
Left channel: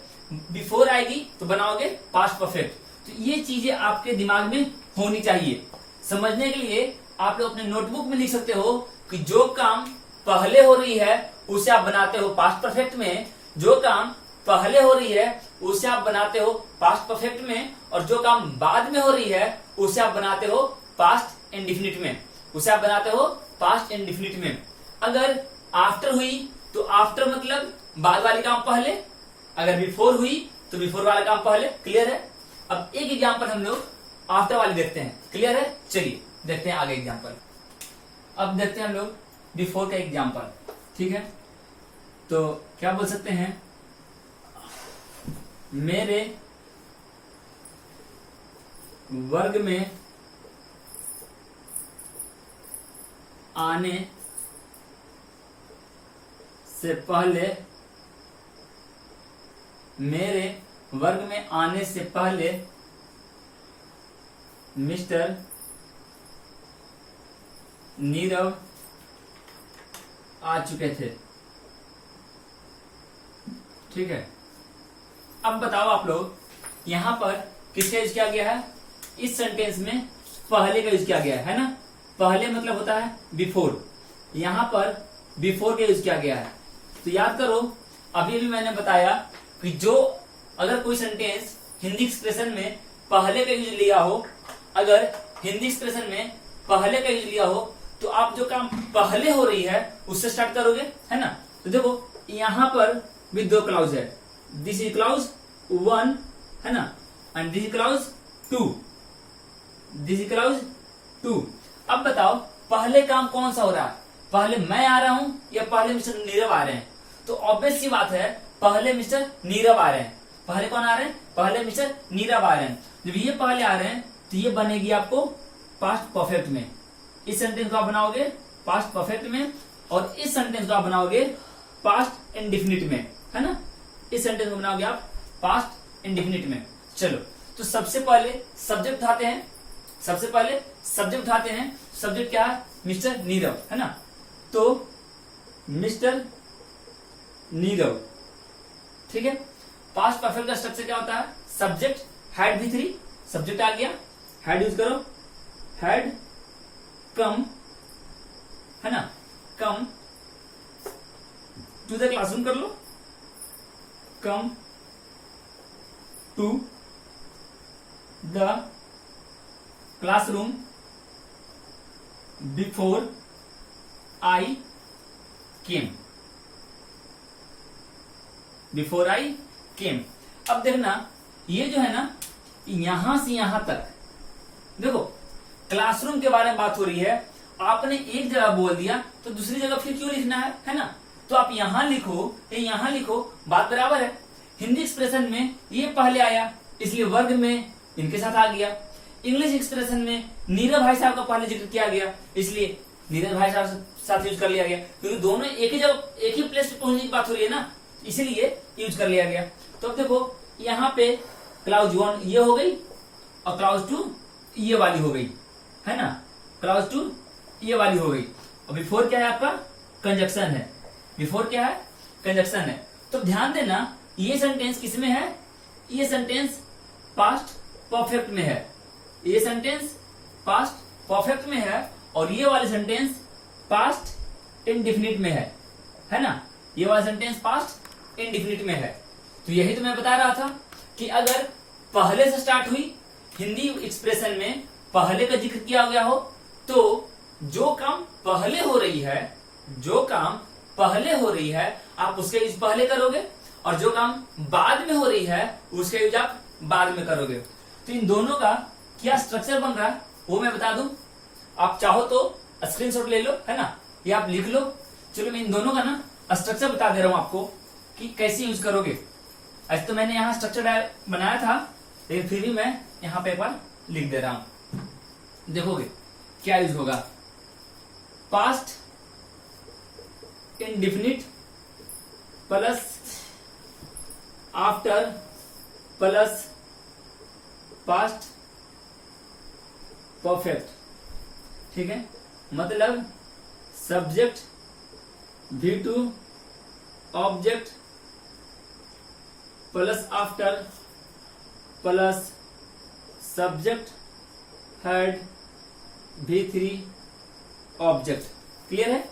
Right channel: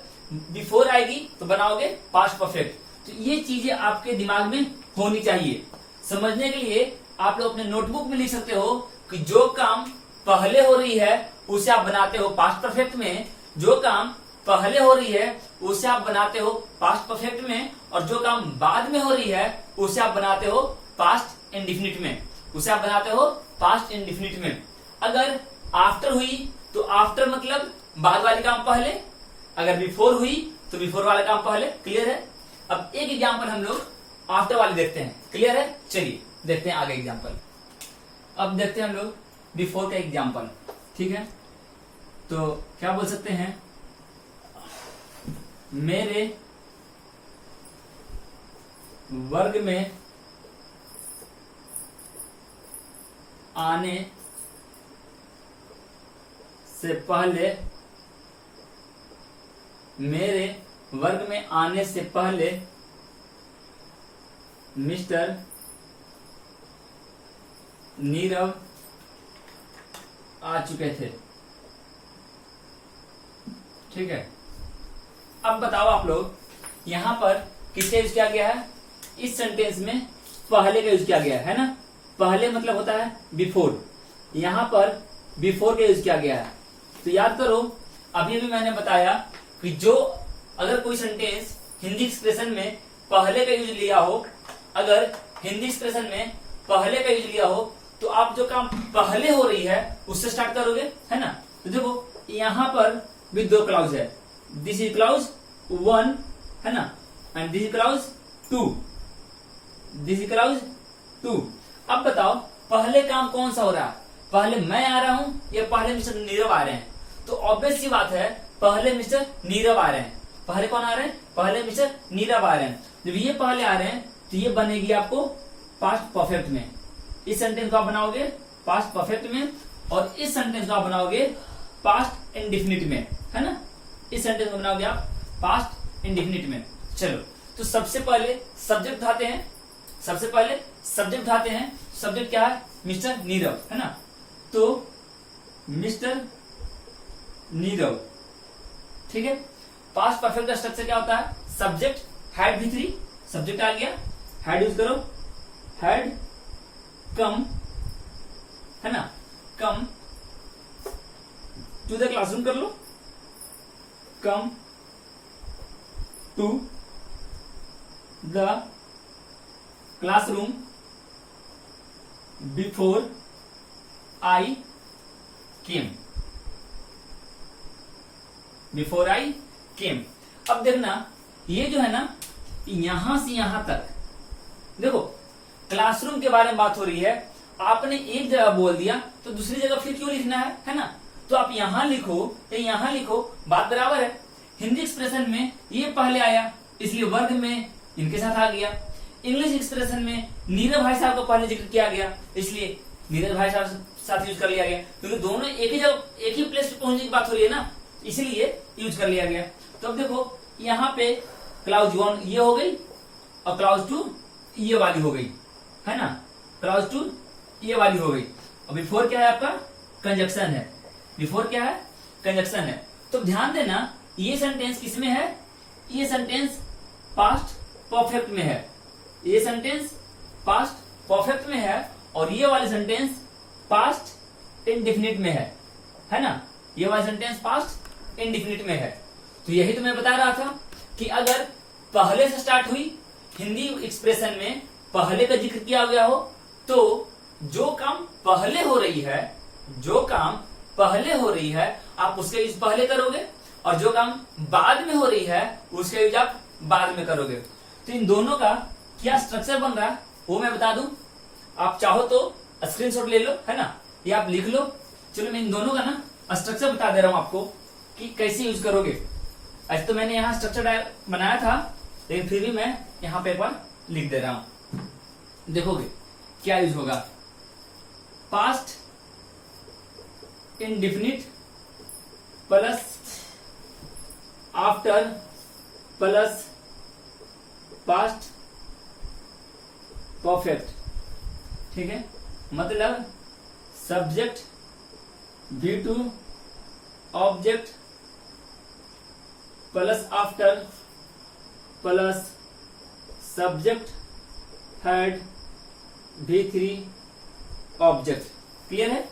बिफोर आएगी तो बनाओगे पास्ट परफेक्ट। तो ये चीजें आपके दिमाग में होनी चाहिए। समझने के लिए आप लोग अपने नोटबुक में लिख सकते हो कि जो काम पहले हो रही है उसे आप बनाते हो पास्ट परफेक्ट में, जो काम पहले हो रही है उसे आप बनाते हो पास्ट परफेक्ट में, और जो काम बाद में हो रही है उसे आप बनाते हो पास्ट इंडेफिनिट में, उसे आप बनाते हो पास्ट इंडेफिनिट में। अगर आफ्टर हुई तो आफ्टर मतलब बाद वाले काम पहले, अगर बिफोर हुई तो बिफोर वाला काम पहले। क्लियर है। अब एक एग्जांपल हम लोग आफ्टर वाले देखते हैं। क्लियर है। चलिए देखते हैं आगे एग्जांपल। अब देखते हैं हम लोग बिफोर का एग्जांपल। ठीक है, तो क्या बोल सकते हैं, मेरे वर्ग में आने से पहले, मेरे वर्ग में आने से पहले मिस्टर नीरव आ चुके थे। ठीक है, अब बताओ आप लोग, यहां पर किसका यूज किया गया है, इस सेंटेंस में पहले का यूज किया गया है ना, पहले मतलब होता है बिफोर, यहां पर बिफोर का यूज किया गया है। तो याद करो, अभी भी मैंने बताया कि जो अगर कोई सेंटेंस हिंदी एक्सप्रेशन में पहले का यूज लिया हो, अगर हिंदी एक्सप्रेशन में पहले का यूज लिया हो, तो आप जो काम पहले हो रही है उससे स्टार्ट करोगे, है ना। तो देखो यहां पर भी दो क्लाउज है, दिस इज क्लाउज 1, है ना, and this is clause 2, this is clause 2। अब बताओ पहले काम कौन सा हो रहा है, पहले मैं आ रहा हूं या पहले मिस्टर नीरव आ रहे हैं। तो ऑब्वियस सी बात है पहले मिस्टर नीरव आ रहे हैं। पहले कौन आ रहे हैं, पहले मिस्टर नीरव आ रहे हैं। जब ये पहले आ रहे हैं तो ये बनेगी आपको पास्ट परफेक्ट में, इस सेंटेंस को आप बनाओगे पास्ट परफेक्ट में, और इस सेंटेंस को आप बनाओगे पास्ट इंडेफिनिट में, है ना, इस सेंटेंस को बनाओगे आप पास्ट इंडेफिनिट में। चलो, तो सबसे पहले सब्जेक्ट उठाते हैं, सबसे पहले सब्जेक्ट उठाते हैं। सब्जेक्ट क्या है, मिस्टर नीरव, है ना। तो मिस्टर नीरव, ठीक है। पास्ट परफेक्ट का स्ट्रक्चर क्या होता है, सब्जेक्ट हैड V3, सब्जेक्ट आ गया, हैड यूज करो, हैड कम, है ना, कम टू द क्लासरूम कर लो, come to the classroom before I came, before I came. अब देखना ये जो है ना, यहां से यहां तक देखो क्लासरूम के बारे में बात हो रही है, आपने एक जगह बोल दिया तो दूसरी जगह फिर क्यों लिखना है ना। तो आप यहां लिखो या यहां लिखो, बात बराबर है। हिंदी एक्सप्रेशन में ये पहले आया इसलिए वर्ग में इनके साथ आ गया, इंग्लिश एक्सप्रेशन में नीरव भाई साहब का पहले जिक्र किया गया इसलिए नीरज भाई साहब साथ यूज कर लिया गया, क्योंकि दोनों एक ही जगह एक ही प्लेस पे पहुंचने की बात हो रही है ना, इसीलिए यूज कर लिया गया। तो अब देखो यहाँ पे क्लाउज 1 ये हो गई और क्लाउज 2 ये वाली हो गई, है ना, क्लाउज 2 ये वाली हो गई। और बिफोर क्या है आपका, कंजक्शन है, बिफोर क्या है, कंजक्शन है। तो ध्यान देना ये सेंटेंस किसमें है, ये सेंटेंस पास्ट परफेक्ट में है, ये सेंटेंस पास्ट परफेक्ट में है, और ये वाली सेंटेंस पास्ट इंडेफिनिट में है ना, ये वाली सेंटेंस पास्ट इंडेफिनिट में है। तो यही तो मैं बता रहा था कि अगर पहले से स्टार्ट हुई हिंदी एक्सप्रेशन में पहले का जिक्र किया गया हो, तो जो काम पहले हो रही है, जो काम पहले हो रही है आप उसका यूज पहले करोगे, और जो काम बाद में हो रही है उसका यूज आप बाद में करोगे। तो इन दोनों का क्या स्ट्रक्चर बन रहा है वो मैं बता दूं। आप चाहो तो स्क्रीनशॉट ले लो, है ना, या आप लिख लो। चलो मैं इन दोनों का ना स्ट्रक्चर बता दे रहा हूं आपको कि कैसे यूज करोगे। आज तो मैंने यहाँ स्ट्रक्चर बनाया था, लेकिन फिर भी मैं यहाँ पे एक बार लिख दे रहा हूं। देखोगे क्या यूज होगा। Past indefinite plus after plus past perfect, ठीक है। मतलब subject V2 object plus after plus subject head V3 object. Clear है।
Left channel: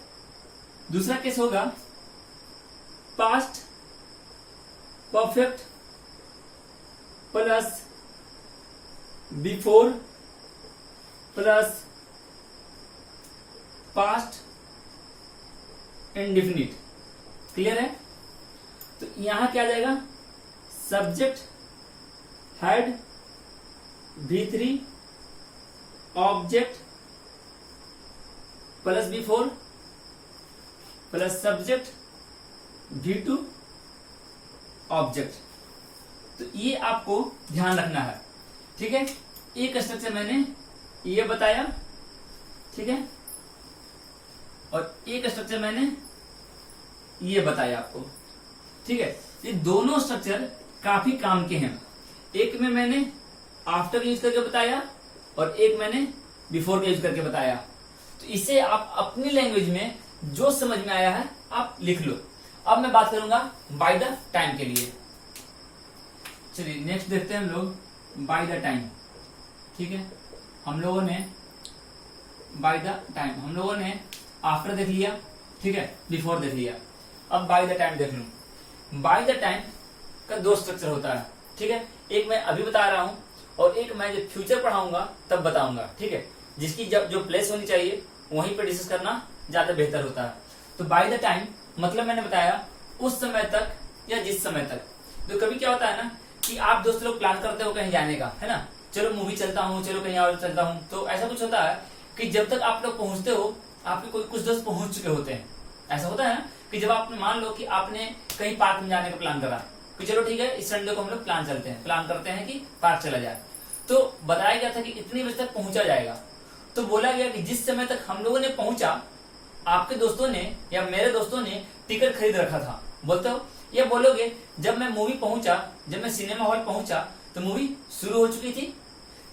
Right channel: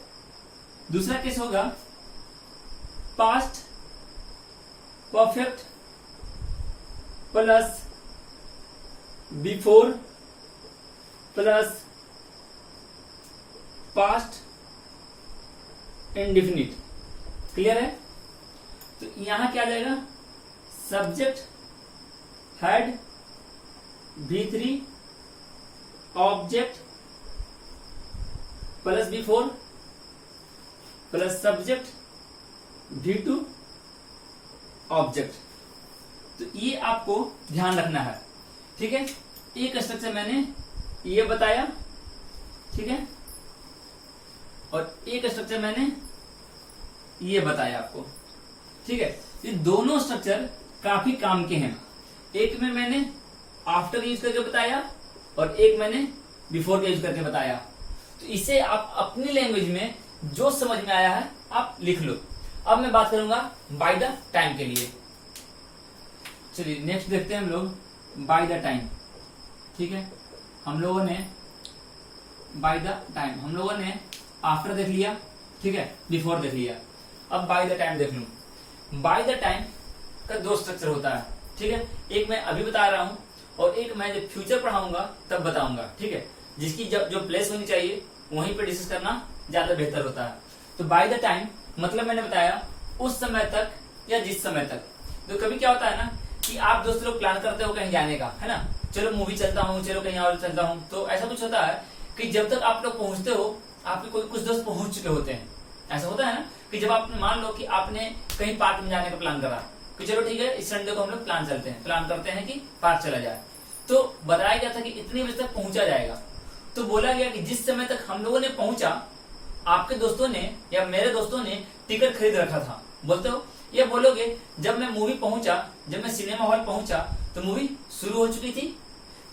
दूसरा केस होगा past perfect plus before plus past indefinite. Clear है। तो यहां क्या आ जाएगा, subject head V3 object plus before plus subject V2 object. तो ये आपको ध्यान रखना है, ठीक है। एक स्ट्रक्चर मैंने ये बताया, ठीक है, और एक स्ट्रक्चर मैंने ये बताया आपको, ठीक है। ये दोनों स्ट्रक्चर काफी काम के हैं। एक में मैंने आफ्टर यूज करके बताया और एक मैंने बिफोर का यूज करके बताया। तो इसे आप अपनी लैंग्वेज में जो समझ में आया है आप लिख लो। अब मैं बात करूंगा बाय द टाइम के लिए। चलिए नेक्स्ट देखते हैं हम लोग बाय द टाइम, ठीक है। हम लोगों ने बाय द टाइम, हम लोगों ने आफ्टर देख लिया, ठीक है, बिफोर देख लिया। अब बाय द टाइम देख लूं। बाय द टाइम का दो स्ट्रक्चर होता है, ठीक है। एक मैं अभी बता रहा हूं और एक मैं जब फ्यूचर पढ़ाऊंगा तब बताऊंगा, ठीक है। जिसकी जब जो प्लेस होनी चाहिए वहीं पर डिस्कस करना ज्यादा बेहतर होता है। तो बाय द टाइम मतलब मैंने बताया उस समय तक या जिस समय तक। तो कभी क्या होता है ना कि आप दोस्त लोग प्लान करते हो कहीं जाने का, है ना, चलो मूवी चलता हूँ, चलो कहीं और चलता हूँ। तो ऐसा कुछ होता है कि जब तक आप लोग पहुंचते हो आपके कोई कुछ दोस्त पहुंच चुके होते हैं। ऐसा होता है ना कि जब आपने मान लो कि आपने कहीं पार्क में जाने का प्लान करा कि चलो ठीक है इस संडे को हम लोग प्लान करते हैं कि पार्क चला जाए। तो बताया गया था कि इतने बजे तक पहुंचा जाएगा। तो बोला गया कि जिस समय तक हम लोगों ने पहुंचा आपके दोस्तों ने या मेरे दोस्तों ने टिकट खरीद रखा था। बोलते हो ये बोलोगे जब मैं मूवी पहुंचा, जब मैं सिनेमा हॉल पहुंचा तो मूवी शुरू हो चुकी थी।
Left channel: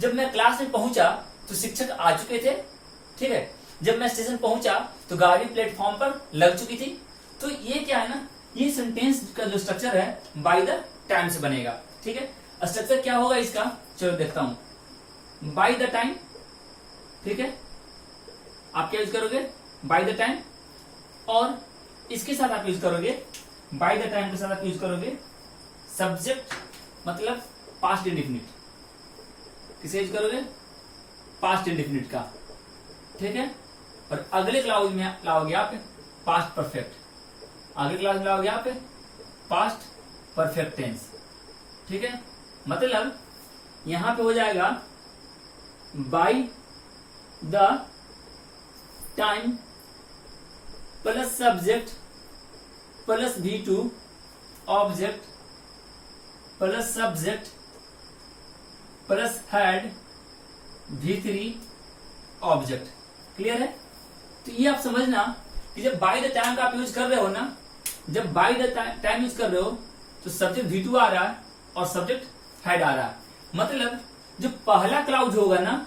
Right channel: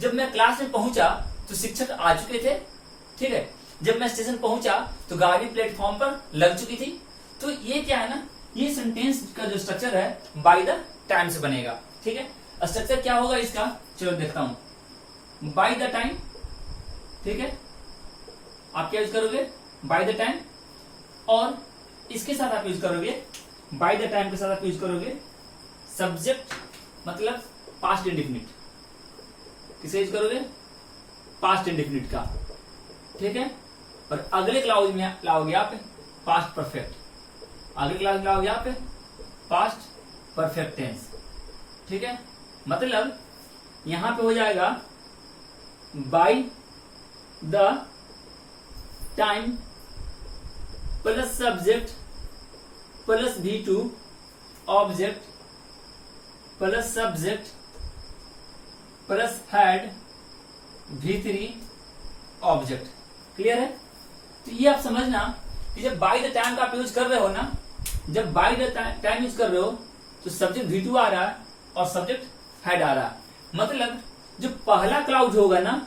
जब मैं क्लास में पहुंचा तो शिक्षक आ चुके थे, ठीक है। जब मैं स्टेशन पहुंचा तो गाड़ी प्लेटफॉर्म पर लग चुकी थी। तो ये क्या है ना, ये सेंटेंस का जो स्ट्रक्चर है बाय द टाइम से बनेगा, ठीक है। स्ट्रक्चर क्या होगा इसका, चलो देखता हूं। बाय द टाइम, ठीक है, आप क्या यूज करोगे, बाय द टाइम, और इसके साथ आप यूज करोगे, बाय द टाइम के साथ आप यूज करोगे सब्जेक्ट मतलब पास्ट इंडिफिनिट। किसे यूज करोगे, पास्ट इंडिफिनिट का, ठीक है। और अगले क्लाउज में लाओगे आप पास्ट परफेक्ट, अगले क्लास में लाओगे आप पास्ट परफेक्ट टेंस, ठीक है। मतलब यहां पे हो जाएगा bye the time plus subject plus V2 object plus subject plus head V3 object. Clear है। तो ये आप समझना कि जब बाय द टाइम का आप यूज कर रहे हो ना, जब बाय द टाइम यूज कर रहे हो तो सब्जेक्ट V2 आ रहा है और सब्जेक्ट हेड आ रहा है। मतलब जो पहला क्लाउज होगा ना,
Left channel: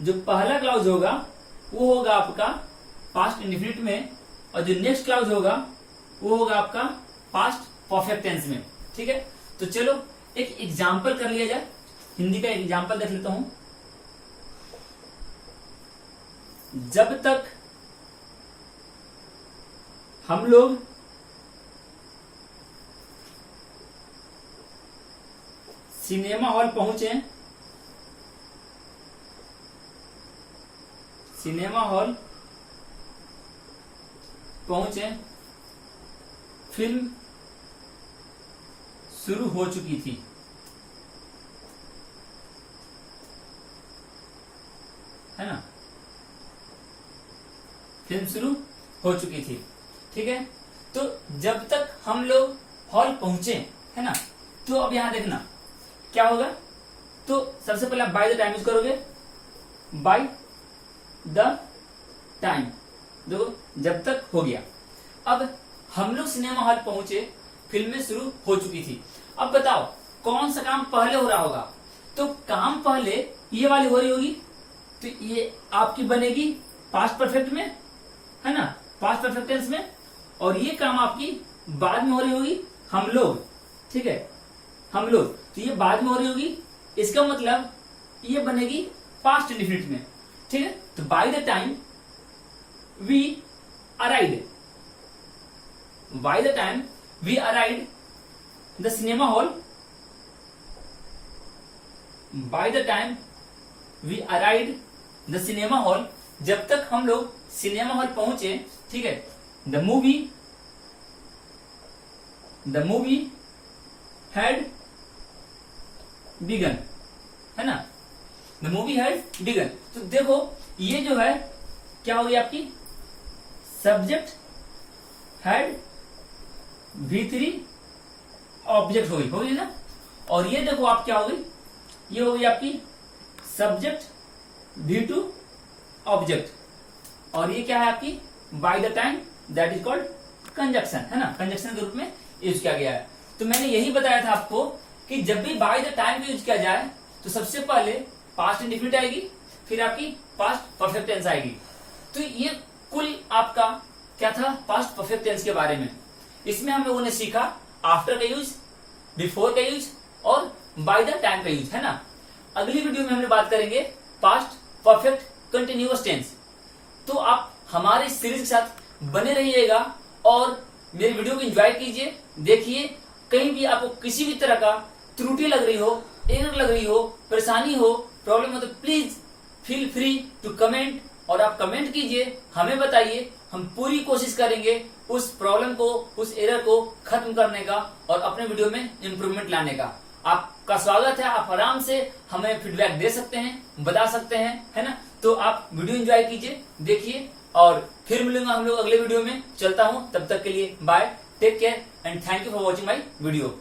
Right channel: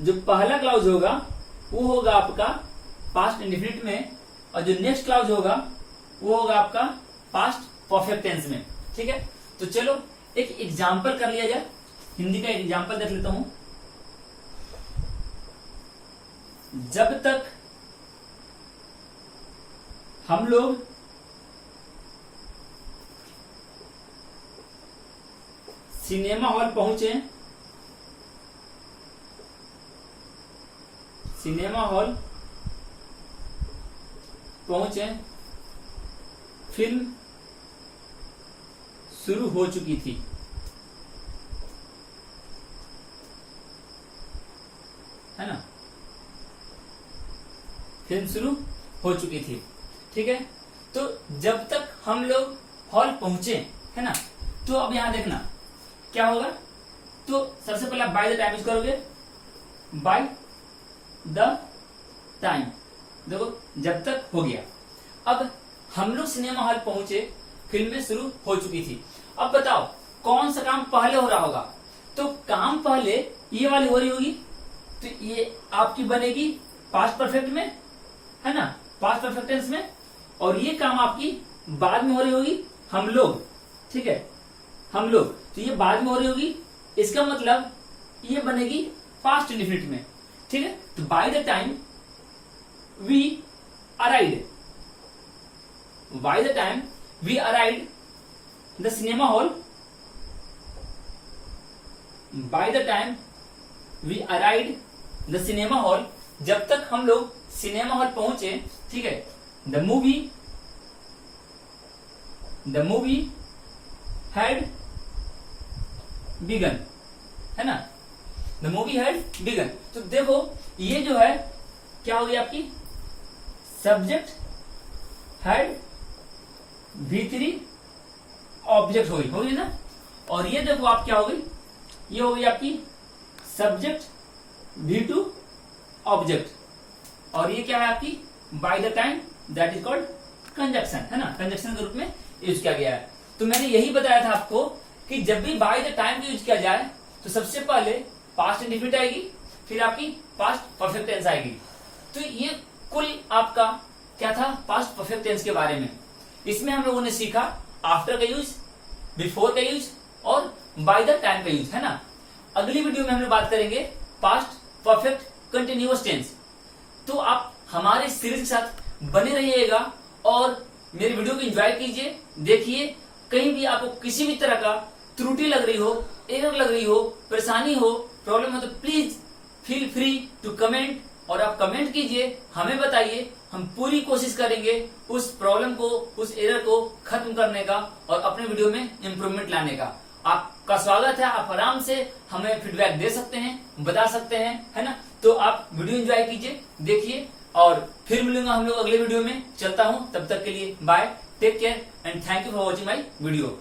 जो पहला क्लाउज होगा वो होगा आपका पास्ट इंडिफिनिट में, और जो नेक्स्ट क्लाउज होगा वो होगा आपका पास्ट परफेक्ट टेंस में, ठीक है। तो चलो एक एग्जाम्पल कर लिया जाए, हिंदी का एग्जाम्पल देख लेता हूं। जब तक हम लोग सिनेमा हॉल पहुंचे, सिनेमा हॉल पहुंचे, फिल्म शुरू हो चुकी थी। है ना। फिल्म शुरू हो चुकी थी। ठीक है, तो जब तक हम लोग हॉल पहुंचे, है ना, तो अब यहां देखना क्या होगा। तो सबसे पहले आप बाय द टाइम यूज करोगे, बाय द टाइम। देखो जब तक हो गया। अब हम लोग सिनेमा हॉल पहुंचे, फिल्में शुरू हो चुकी थी। अब बताओ कौन सा काम पहले हो रहा होगा। तो काम पहले ये वाली हो रही होगी, तो ये आपकी बनेगी पास्ट परफेक्ट में, है ना, पास्ट परफेक्ट टेंस में। और ये काम आपकी बाद में हो रही होगी, हम लोग। ठीक है, हम लोग, तो ये बाद में हो रही होगी। इसका मतलब ये बनेगी पास्ट इंडेफिनिट में। ठीक है, तो by the time we arrived, by the time we arrived the cinema hall, by the time we arrived the cinema hall, जब तक हम लोग सिनेमा हॉल पहुंचे। ठीक है, द मूवी हैड बिगन, है ना, द मूवी हैड बिगन। तो देखो ये जो है क्या हो गई आपकी, सब्जेक्ट हैड V3 ऑब्जेक्ट हो गई ना। और ये देखो आप क्या हो गई, ये हो गई आपकी सब्जेक्ट V2 ऑब्जेक्ट। और ये क्या है आपकी bye the time, that is called conjunction, है ना, कंजक्शन के रूप में यूज किया गया है। तो मैंने यही बताया था आपको कि जब भी बाय द टाइम यूज किया जाए तो सबसे पहले पास्ट इंडेफिनिट आएगी, फिर आपकी पास्ट परफेक्ट टेंस आएगी। तो ये कुल आपका क्या था, पास्ट परफेक्ट टेंस के बारे में। इसमें हम लोगों ने सीखा आफ्टर का यूज, बिफोर का यूज और बाय द टाइम का यूज, है ना। अगली वीडियो में हम लोग बात करेंगे पास्ट परफेक्ट कंटिन्यूअस टेंस। तो आप हमारे सीरीज के साथ बने रहिएगा और मेरी वीडियो को एंजॉय कीजिए, देखिए। कहीं भी आपको किसी भी तरह का त्रुटि लग रही हो, एरर लग रही हो, परेशानी हो, प्रॉब्लम हो, तो please feel free to comment. और आप कमेंट कीजिए, हमें बताइए, हम पूरी कोशिश करेंगे उस प्रॉब्लम को, उस एरर को खत्म करने का और अपने वीडियो में इम्प्रूवमेंट लाने का। आपका स्वागत है, आप आराम से हमें फीडबैक दे सकते हैं, बता सकते हैं, है ना। तो आप वीडियो एंजॉय कीजिए, देखिए, और फिर मिलूंगा हम लोग अगले वीडियो में। चलता हूं, तब तक के लिए bye, take care and thank you for watching my video.